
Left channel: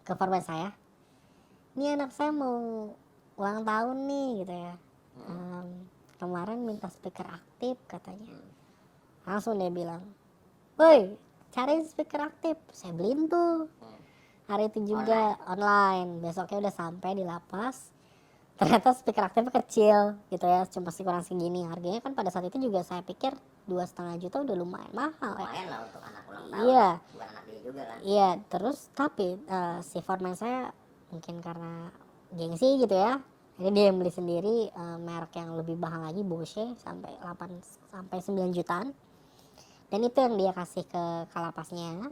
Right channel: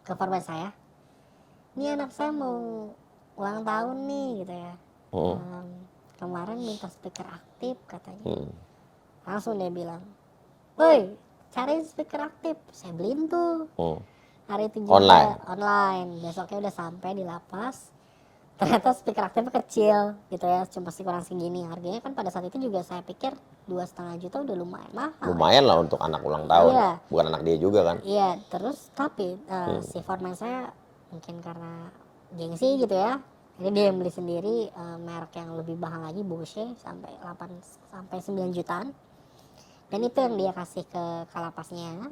ke foreman saya, ini anak saya mau ulang tahun nih gitu ya. Kemarin minta speaker aktif katanya. Langsung dia bilang, woi cariin speaker aktif. Saya beliin tuh. Hari itu juga online. Besoknya udah sampai di lapas. Ternyata speaker aktifnya kecil gitu ya, cuma sih kurang segini. Harganya kan pada saat itu juga saya pikir 2,5 juta udah lumayan mahal. Lumayan lah untuk anak ulang tahun. Iya. Bukan anak dia juga kan. Iya, terus tapi si foreman saya mungkin karena gengsi gitu ya, ini dia yang beli sendiri merek yang lebih mahal lagi, Bose, sampai 8 sampai 9 jutaan. Dan itu yang dia kasih ke kalapasnya.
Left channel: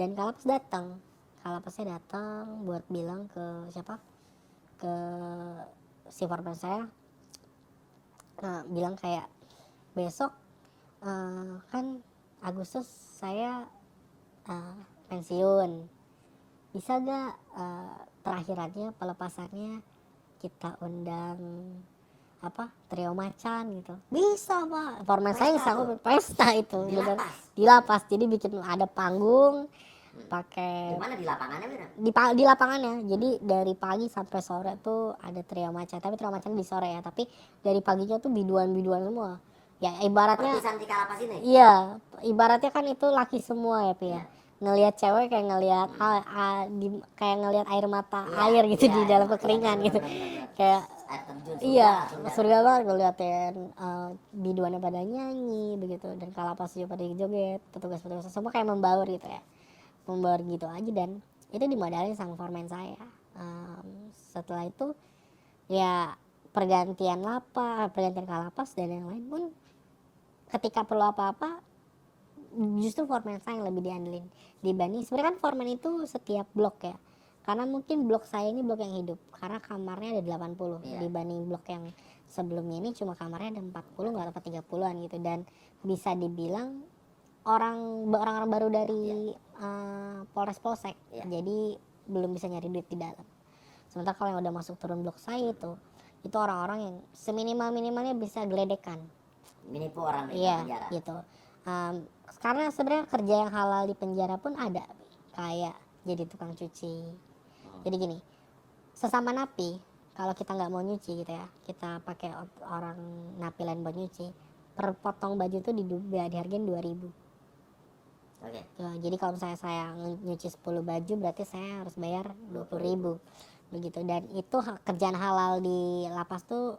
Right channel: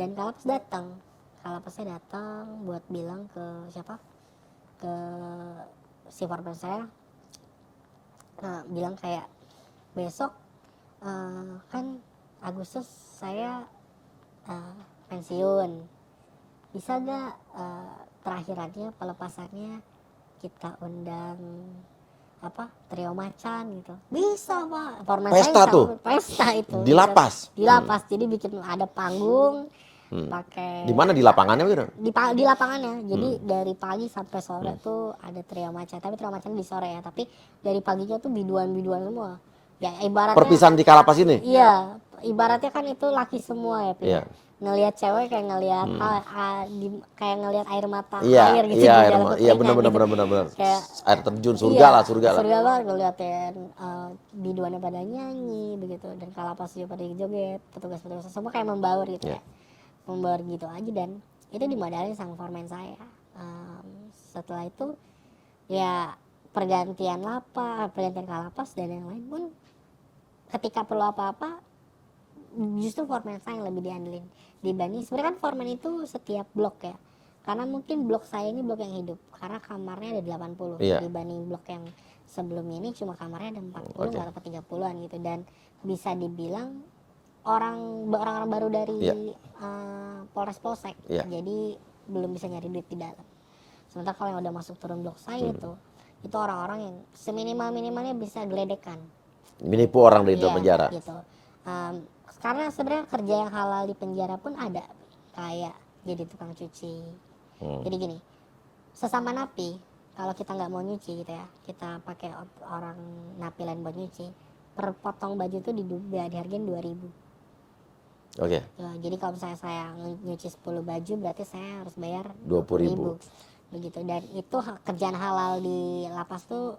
Dan kalapasnya datang buat bilang ke siapa, ke si foreman saya, bilang kayak besok kan Agustus saya pensiun, bisa gak terakhirannya pelepasannya kita undang trio macan gitu. Bisa Pak, foreman saya tuh? pesta itu Di lapas? Di lapas, jadi bikin ada panggung pakai. Di mana, di lapangannya gitu? Di lapangannya. Jadi dari pagi sampai sore tuh ada trio macan, tapi trio macan di sore ya, tapi dari paginya tuh biduan semua. Ya ibaratnya Perpisahan di Kalapas ini? Iya, ibaratnya kan itu laki semua ya, Pi. Iya. Ngelihat cewek kayak ngelihat kayak ngelihat air mata Iya, air gitu di dalam kekeringan gitu. benar. Kayak air terjun, surga lah. Surga banget ngeliatin biduannya pada nyanyi begitu, dan kalapas juga pada joget, petugas-petugas semua kayak membaur gitu ya. Membaur gitu aja, dan itu dimodalin sama foreman saya. Setelah itu ya pergantian kalapas dan yang lain pun ketika perlu apa-apa justru foreman saya yang lebih diandelin dibanding sebenarnya kan foreman itu setiap blok ya, karena mungkin blok saya ini blok yang hidup karena kamarnya ada 80 Iya. dibanding blok yang sebelumnya ini cuma kamarnya ada 40 Oke. atau 30-an gitu, dan bisa dibilang orang-orang baru dari Iya. Polres Polsek, Iya. jadi belum bisa nyari duit di dalam. Sementara kalau yang udah masuk turun blok saya itu orang-orang yang seminimal-minimalnya bisa geledekan. Menipu orang di Iya, penjara. gitu. Karena sebenarnya kerja yang halal di penjara pun ada, kayak jadi tukang cuci. Jadi gini, sesama napi, kalau kita nggak mau nyuci gitu ya, kita pakai orang napi lain buat nyuci, per potong baju itu dihargain 2.000. Oke. Jadi kalau misalnya saya nyuci 10 baju berarti saya harus bayar 20.000. 20.000 begitu. Dan itu kerjaan halal di lapas tuh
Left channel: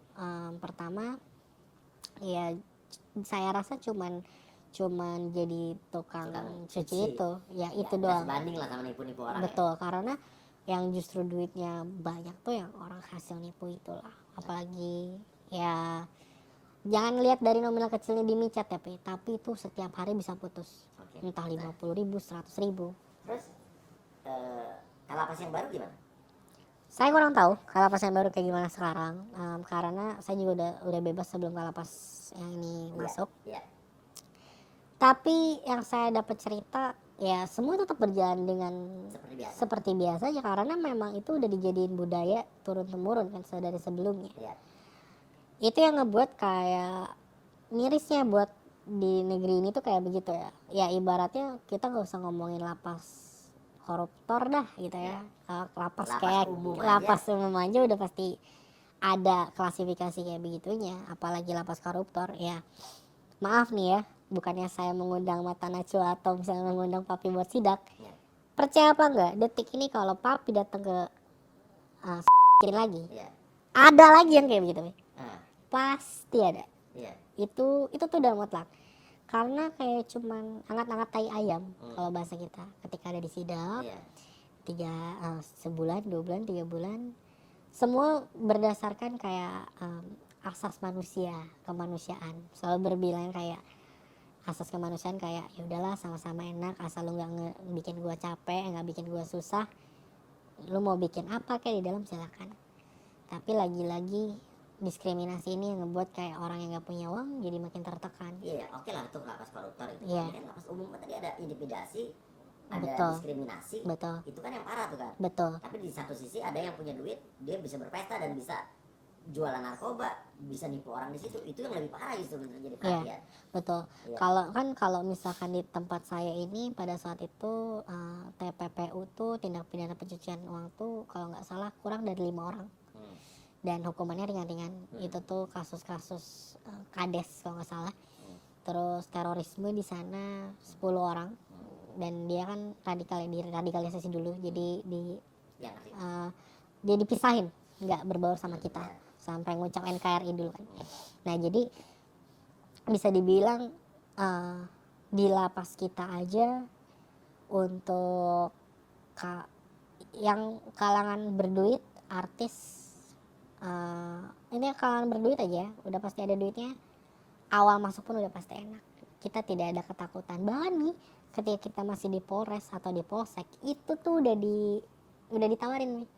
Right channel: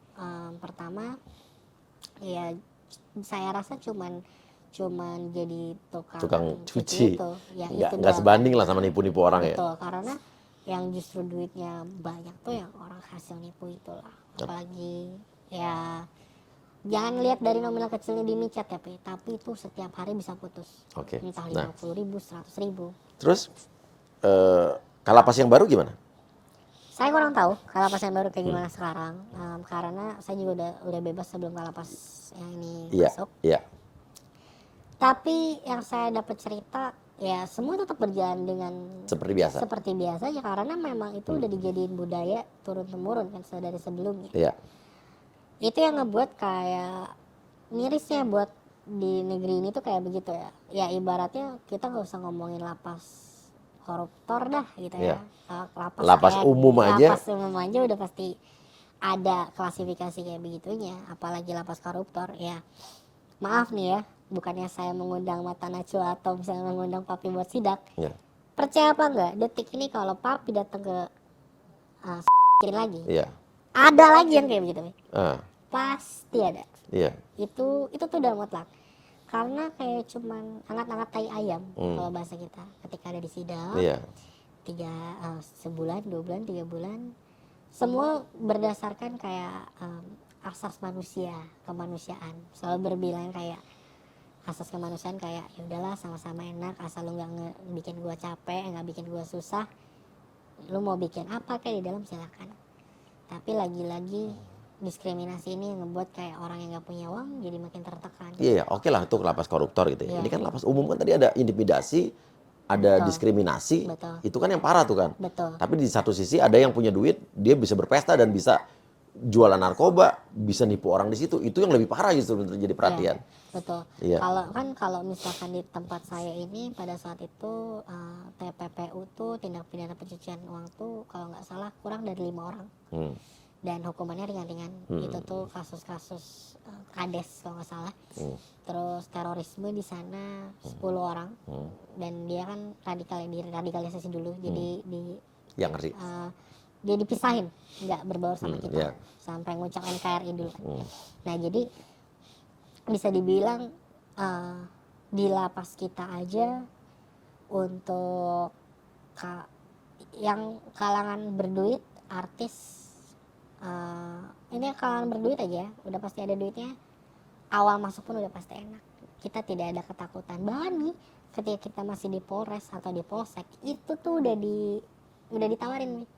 pertama ya saya rasa cuman jadi Tukang cuci. gitu ya, Nggak sebanding lah sama nipu-nipu orang ya. betul, karena yang justru duitnya banyak tuh yang orang hasil nipu itulah. Apalagi ya jangan lihat dari nominal kecilnya di micet tapi itu setiap hari bisa putus. Oke. Entah Nah, 50.000, 100.000. terus kalapas yang baru gimana? Saya kurang tahu kalapas yang baru kayak gimana sekarang, karena saya juga udah bebas sebelum kalapas yang ini masuk. Iya. Tapi yang saya dapat cerita ya semua tetap berjalan dengan Seperti biasa. ya, karena memang itu udah dijadiin budaya turun temurun kan dari sebelumnya. Iya. Itu yang ngebuat kayak mirisnya buat di negeri ini tuh kayak begitu ya. Ya ibaratnya kita nggak usah ngomongin lapas koruptor dah gitu ya. Lapas umum aja. Lapas umum aja udah pasti ada klasifikasi kayak begitunya. Apalagi lapas koruptor ya. Maaf nih ya, bukannya saya mengundang Mata Najwa atau misalnya mengundang Papi buat sidak. Iya. Percaya apa enggak, detik ini kalau Papi datang ke lagi, Iya. ada lagi yang kayak begitu. Pasti ada. Iya. Itu tuh udah mutlak. Karena kayak cuman angkat-angkat tai ayam kalau bahasa kita. Ketika ada di sidang, Iya. sebulan, 2 bulan, 3 bulan, semua berdasarkan kayak asas manusia, kemanusiaan. Selalu berbilang kayak asas kemanusiaan kayak ya udahlah sama-sama enak, asal lu nggak bikin gua capek, nggak bikin gua susah, lu mau bikin apa kayak di dalam silakan. Tapi lagi-lagi diskriminasi ini yang membuat kayak orang yang nggak punya uang jadi makin tertekan. Iya, oke lah untuk lapas koruptor gitu ya. Iya. Ini kan lapas umum kan tadi ada intimidasi, ada Betul. diskriminasi. Betul. Itu kan yang parah tuh kan. Betul. Tapi di satu sisi ada yang punya duit, dia bisa berpesta dan bisa jualan narkoba, bisa nipu orang di situ. Itu yang lebih parah justru untuk jadi perhatian. Betul. Iya. Kalau misalkan di tempat saya ini pada saat itu TPPU tuh tindak pidana pencucian uang tuh kalau nggak salah kurang dari 5 orang. Dan hukumannya ringan-ringan. Itu tuh kasus-kasus kades kalau nggak salah. Terus terorisme di sana 10 orang. Dan dia kan radikalisasi dulu. Jadi Yang ngerti. dia dipisahin, nggak berbaur sama kita. Iya. Sampai ngucap NKRI dulu kan. Nah jadi bisa dibilang di lapas kita aja untuk yang kalangan berduit, artis, ini kalangan berduit aja udah pasti ada duitnya, awal masuk pun udah pasti enak, kita tidak ada ketakutan. Bahkan nih ketika kita masih di Polres atau di Polsek itu tuh udah ditawarin nih,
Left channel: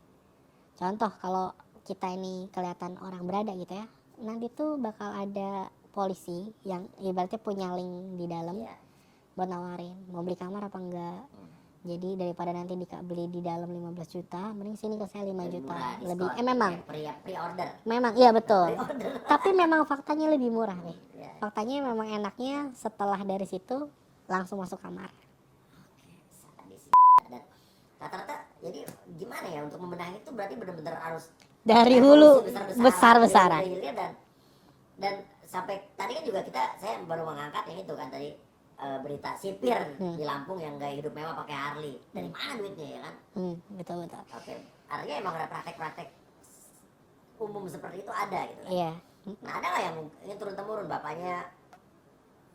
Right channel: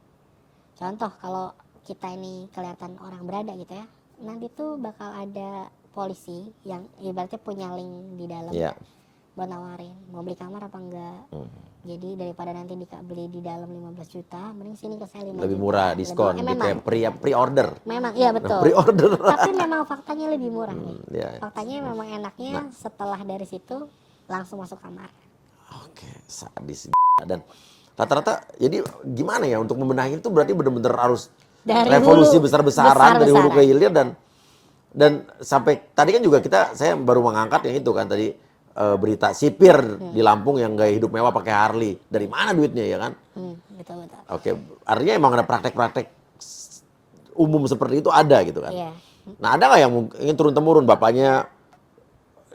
contoh kalau kita ini kelihatan orang berada gitu ya, nanti tuh bakal ada polisi yang ibaratnya punya link di dalam buat nawarin mau beli kamar apa enggak. Jadi daripada nanti beli di dalam 15 juta, mending sini ke saya 5 Lebih juta. murah, diskon, Memang, pre-order. memang iya betul. Pre-order. Tapi memang faktanya lebih murah nih. Iya. Faktanya memang enaknya setelah dari situ langsung masuk kamar. Oke, sadis. Dan rata-rata jadi gimana ya untuk membenahi itu berarti benar-benar harus Dari revolusi hulu, besar-besaran dari hulu ke hilir dan sampai tadi kan juga saya baru mengangkat yang itu kan tadi berita sipir di Lampung yang gaya hidup mewah pakai Harley. Dari mana duitnya ya kan? Betul. Oke, artinya emang ada praktek-praktek umum seperti itu ada gitu kan? Iya. Nah ada nggak yang ingin turun-temurun bapaknya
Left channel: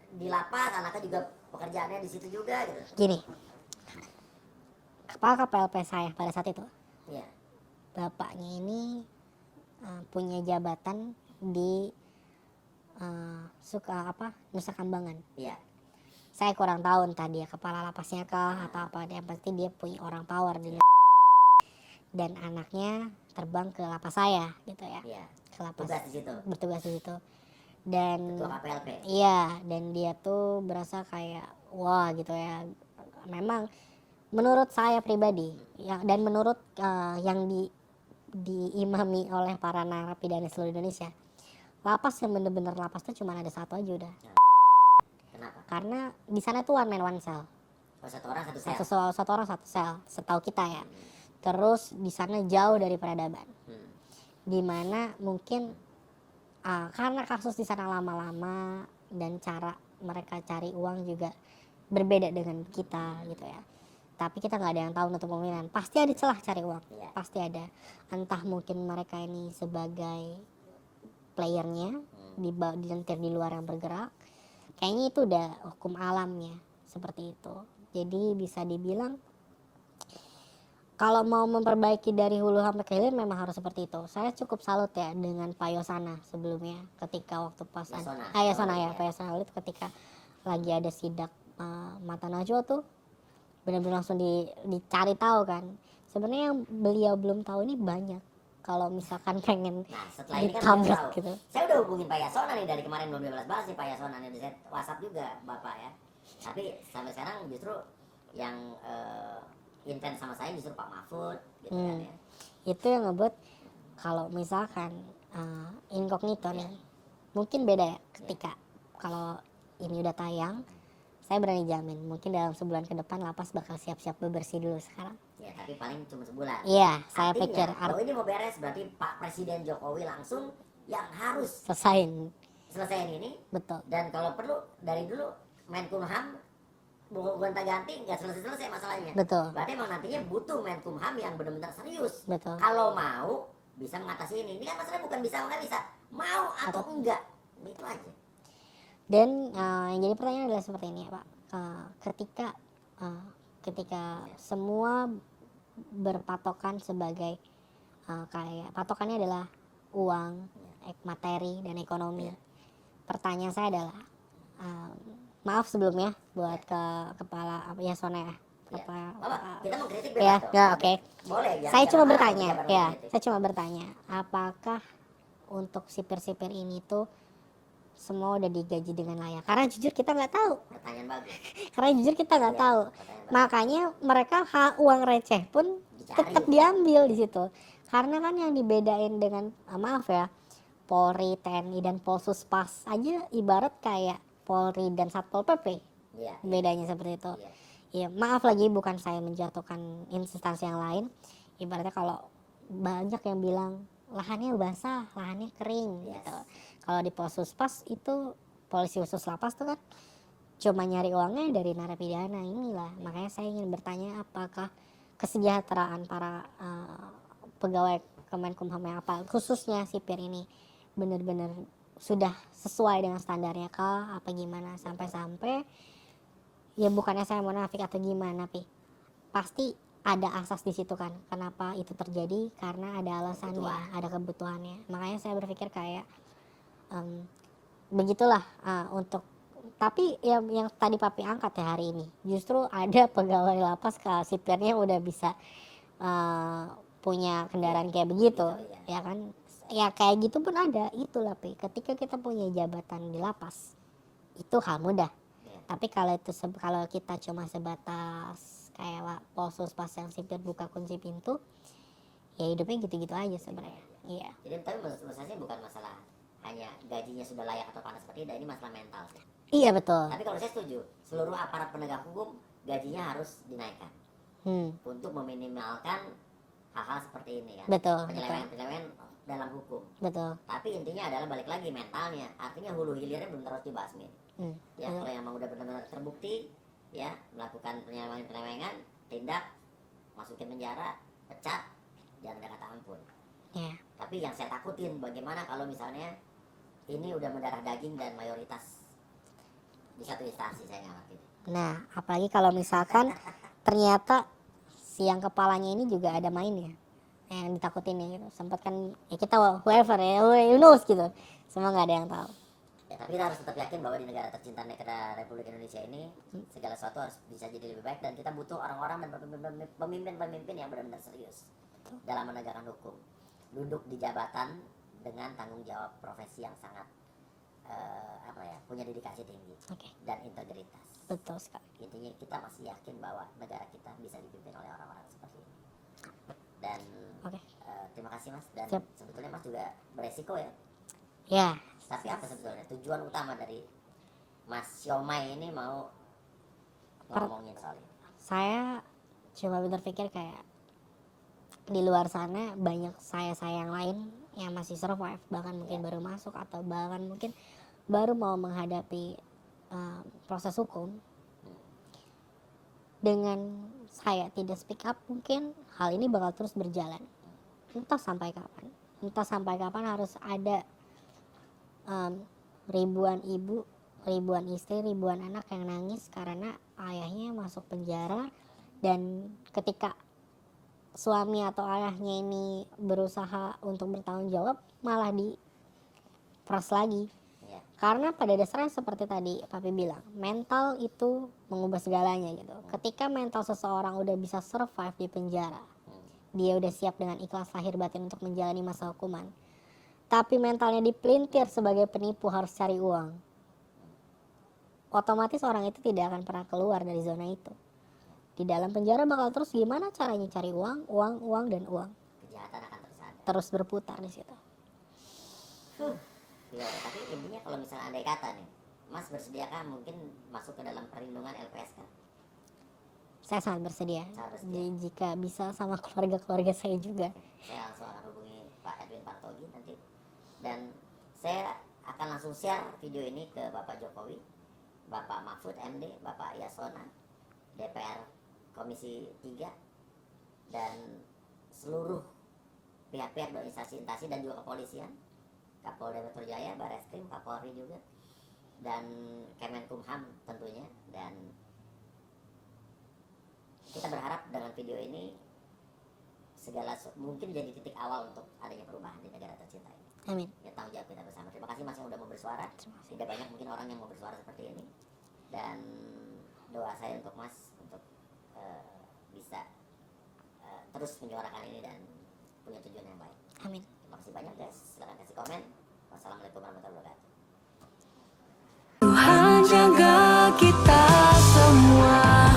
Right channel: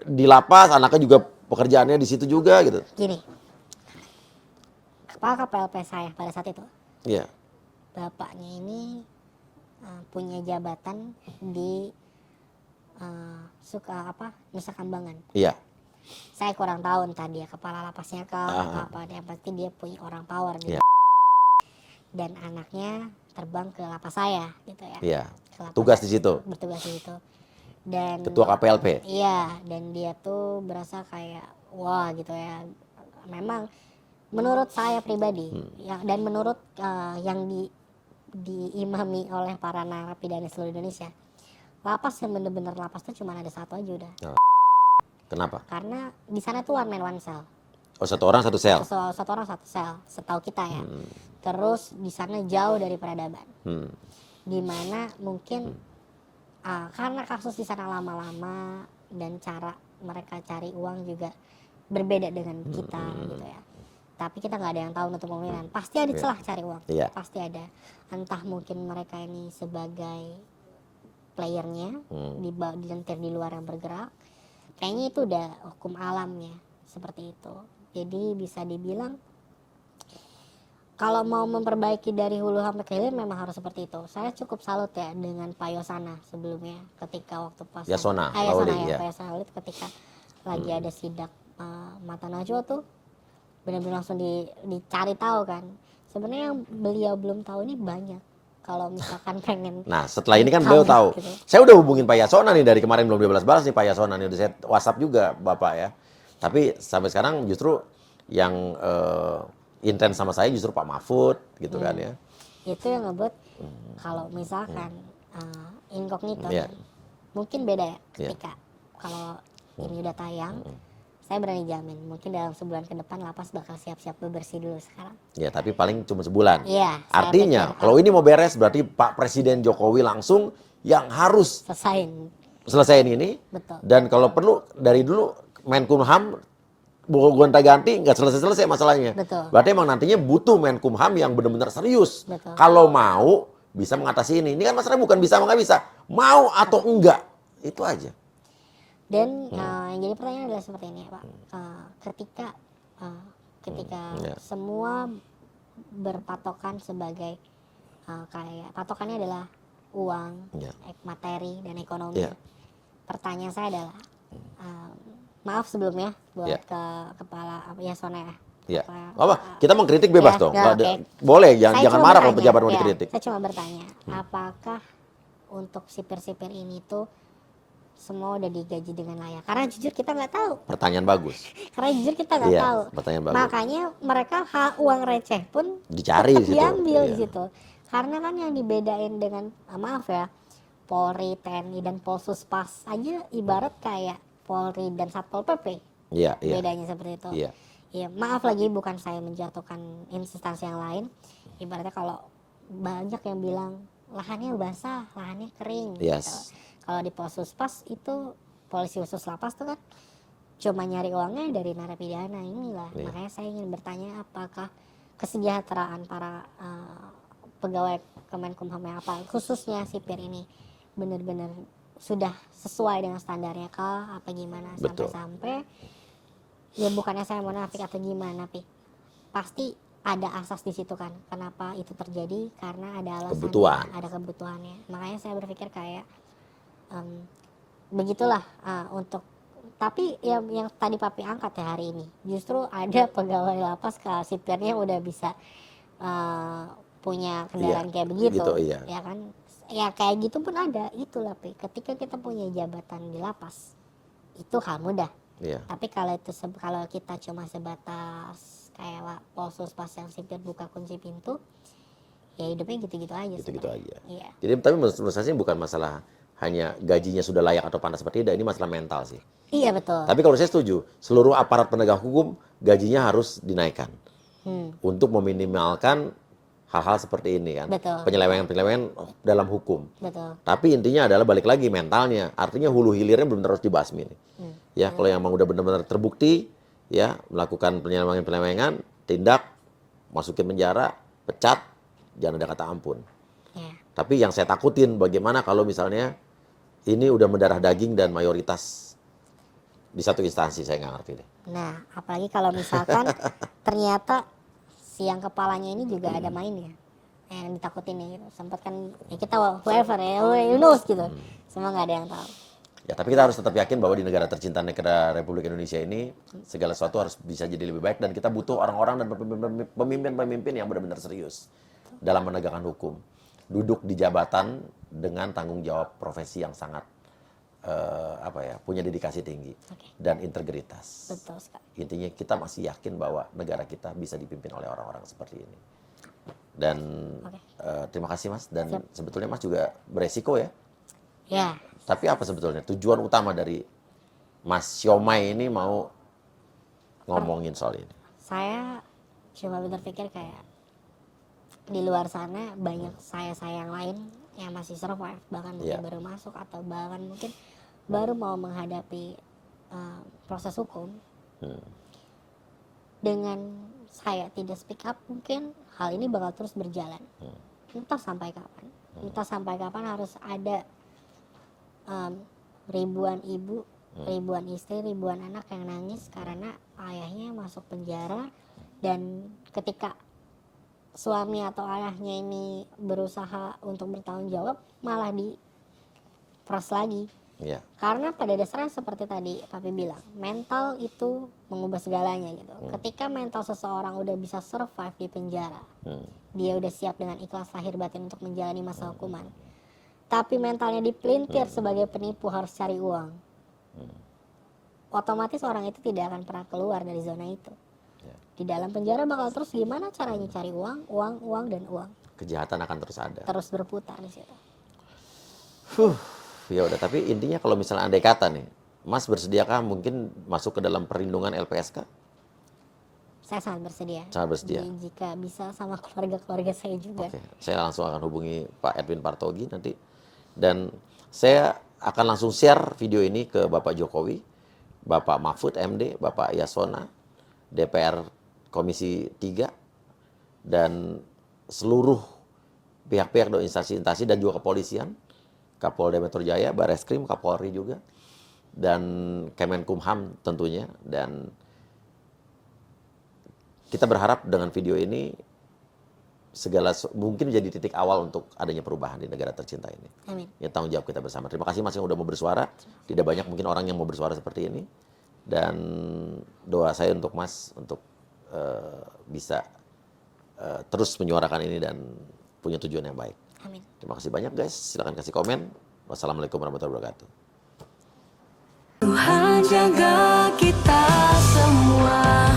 di lapas, anaknya juga pekerjaannya di situ juga gitu? Gini, kepala KPLP saya pada saat itu, Iya. bapaknya ini punya jabatan di suka Nusa Kambangan. Iya. Saya kurang tahu entah dia kepala lapasnya apa, dia pasti dia punya orang power gitu. Iya. Dan anaknya terbang ke lapas saya gitu ya. Iya. Ke lapas Tugas saya di situ. bertugas di situ. Dan Ketua KPLP. iya, dan dia tuh berasa kayak wah gitu ya. Memang menurut saya pribadi ya, dan menurut yang diimami oleh para narapidana seluruh Indonesia, lapas yang bener-bener lapas tuh cuma ada satu aja udah. Kenapa? Karena di sana tuh one man one cell. Oh, satu orang satu sel. Satu orang satu sel, setahu kita ya. Terus di sana jauh dari peradaban. Dimana mungkin karena kasus di sana lama-lama dan cara mereka cari uang juga berbeda dengan kita gitu ya. Tapi kita nggak ada yang tahu untuk kemungkinan. Pasti ada celah cari uang. Iya. Pasti ada. Entah mungkin mereka ini sebagai playernya di luar yang bergerak. Kayaknya itu udah hukum alamnya seperti itu. Jadi bisa dibilang kalau mau memperbaiki dari hulu sampai ke hilir memang harus seperti itu. Saya cukup salut ya dengan Pak Yosana sebelumnya ketika waktu pas Yasona. Pak Yosana ketika lagi ada sidak Mata Najwa tuh benar-benar langsung dicari tahu kan. Sebenarnya yang beliau belum tahu ini banyak. Kalau misalkan pengen. Nah, setelah ini kan beliau tahu. Gitu. Saya udah hubungin Pak Yasona nih dari kemarin belum dibalas-balas nih Pak Yasona nih. Udah saya WhatsApp juga Bapak ya. Tapi sampai sekarang justru yang intens sama saya justru Pak Mahfud gitu kan ya. Itu yang ngebuat kalau misalkan incognito mungkin beda ya ketika kalau ini udah tayang. Saya berani jamin mungkin dalam sebulan ke depan lapas bakal siap-siap bebersih dulu sekarang. Ya, tapi paling cuma sebulan. Iya. Artinya kalau ini mau beres berarti Pak Presiden Jokowi langsung yang harus selesaiin ini. Betul. Dan kalau perlu dari dulu Menkumham gonta-ganti nggak selesai-selesai masalahnya. Betul. Berarti emang nantinya butuh Menkumham yang benar-benar serius. Betul. Kalau mau bisa mengatasi ini. Ini kan masalahnya bukan bisa nggak bisa, mau atau enggak. Itu aja. Dan yang jadi pertanyaan adalah seperti ini Pak. Ketika semua berpatokan sebagai kayak patokannya adalah uang, materi dan ekonomi. Pertanyaan saya adalah maaf sebelumnya buat ke kepala Yasona ya. Ya. Kita mengkritik bebas dong. Okay. Boleh, jangan marah kalau pejabat mau dikritik. Saya cuma bertanya, apakah untuk sipir-sipir ini tuh semua udah digaji dengan layak? Karena jujur kita nggak tahu. Pertanyaan bagus. Karena jujur kita nggak tahu. Makanya mereka uang receh pun dicari tetap diambil di situ. Karena kan yang dibedain dengan maaf ya, Polri, TNI dan Polsuspas aja ibarat kayak Polri dan Satpol PP. Iya. Bedanya seperti itu. Iya. Ya, maaf lagi bukan saya menjatuhkan instansi yang lain. Ibaratnya kalau banyak yang bilang lahannya basah, lahannya kering gitu. Kalau di Polsuspas itu polisi khusus lapas tuh kan cuma nyari uangnya dari narapidana inilah. Makanya saya ingin bertanya apakah kesejahteraan para pegawai Kemenkumham apa khususnya sipir ini benar-benar sudah sesuai dengan standarnya kah apa gimana. Sampai-sampai ya bukannya saya munafik atau gimana tapi pasti ada asas di situ kan. Kenapa itu terjadi? Karena ada alasannya, ada kebutuhannya. Makanya saya berpikir kayak begitulah untuk tapi yang tadi papi angkat ya hari ini justru ada pegawai lapas sipirnya udah bisa punya kendaraan kayak begitu ya kan ya kayak gitu pun ada itulah Pi. Ketika kita punya jabatan di lapas itu hal mudah tapi kalau kita cuma sebatas kayak Polsuspas yang sipir buka kunci pintu ya hidupnya gitu-gitu aja sebenarnya. Iya. Jadi tapi menurut saya sih bukan masalah hanya gajinya sudah layak atau panas seperti tidak, ini masalah mental sih. Iya betul. Tapi kalau saya setuju, seluruh aparat penegak hukum gajinya harus dinaikkan untuk meminimalkan hal-hal seperti ini kan. Betul. Penyelewengan dalam hukum. Betul. Tapi intinya adalah balik lagi mentalnya, artinya hulu hilirnya belum terus dibasmi. Ya kalau yang udah benar-benar terbukti, ya melakukan penyelewengan, tindak, masukin penjara, pecat, jangan ada kata ampun. Tapi yang saya takutin bagaimana kalau misalnya ini udah mendarah daging dan mayoritas di satu instansi, saya nggak ngerti deh. Nah, apalagi kalau misalkan ternyata si yang kepalanya ini juga ada mainnya. Yang ditakutin ya, sempat kan ya kita whoever ya, who knows gitu. Semua nggak ada yang tahu. Ya, tapi kita harus tetap yakin bahwa di negara tercinta negara Republik Indonesia ini segala sesuatu harus bisa jadi lebih baik dan kita butuh orang-orang dan pemimpin-pemimpin yang benar-benar serius dalam menegakkan hukum. Duduk di jabatan dengan tanggung jawab profesi yang sangat punya dedikasi tinggi dan integritas. Betul sekali. Intinya kita masih yakin bahwa negara kita bisa dipimpin oleh orang-orang seperti ini. Dan terima kasih Mas. Dan sebetulnya Mas juga beresiko ya. Ya. Tapi apa sebetulnya tujuan utama dari Mas Siomay ini mau ngomongin soal ini? Saya cuma berpikir kayak di luar sana banyak saya yang lain yang masih survive, bahkan mungkin baru masuk atau bahkan mungkin baru mau menghadapi proses hukum. Dengan saya tidak speak up, mungkin hal ini bakal terus berjalan. Entah sampai kapan. Entah sampai kapan harus ada ribuan ibu, ribuan istri, ribuan anak yang nangis karena ayahnya masuk penjara, dan ketika suami atau ayahnya ini berusaha untuk bertanggung jawab malah diperas lagi. Karena pada dasarnya seperti tadi Papi bilang, mental itu mengubah segalanya gitu. Ketika mental seseorang udah bisa survive di penjara, dia udah siap dengan ikhlas lahir batin untuk menjalani masa hukuman. Tapi mentalnya dipelintir sebagai penipu, harus cari uang, otomatis orang itu tidak akan pernah keluar dari zona itu. Di dalam penjara bakal terus gimana caranya cari uang, dan uang. Kejahatan akan terus ada. Terus berputar di situ. Ya udah, tapi intinya kalau misalnya andai kata nih, Mas bersediakah mungkin masuk ke dalam perlindungan LPSK? Saya sangat bersedia. Sangat bersedia. Jika bisa sama keluarga saya juga. Saya langsung akan hubungi Pak Edwin Partogi nanti. Dan saya akan langsung share video ini ke Bapak Jokowi, Bapak Mahfud MD, Bapak Yasona, DPR Komisi 3, dan seluruh pihak-pihak dan instansi-instansi dan juga kepolisian, Kapolda Metro Jaya, Bareskrim, Kapolri juga, dan Kemenkumham tentunya. Dan kita berharap dengan video ini mungkin menjadi titik awal untuk adanya perubahan di negara tercinta ini. Amin. Ya, tanggung jawab kita bersama. Terima kasih Mas yang udah mau bersuara. Tidak banyak mungkin orang yang mau bersuara seperti ini. Dan doa saya untuk Mas untuk bisa terus menyuarakan ini dan punya tujuan yang baik. Amin. Terima kasih banyak guys. Silakan kasih komen. Wassalamualaikum warahmatullahi wabarakatuh. Tuhan jaga kita semua.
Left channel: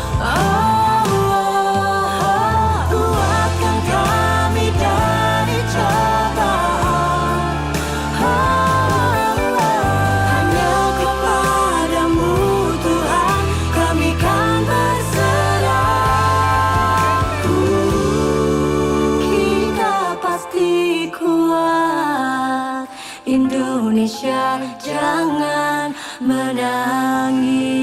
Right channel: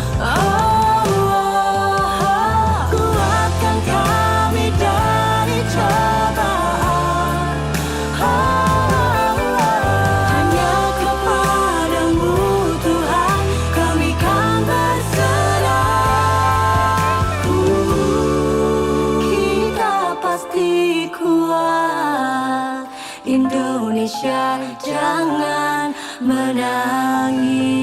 Kuatkan kami dari cobaan. Hanya kepadamu Tuhan kami kan berserah. Kita pasti kuat. Indonesia jangan menangis.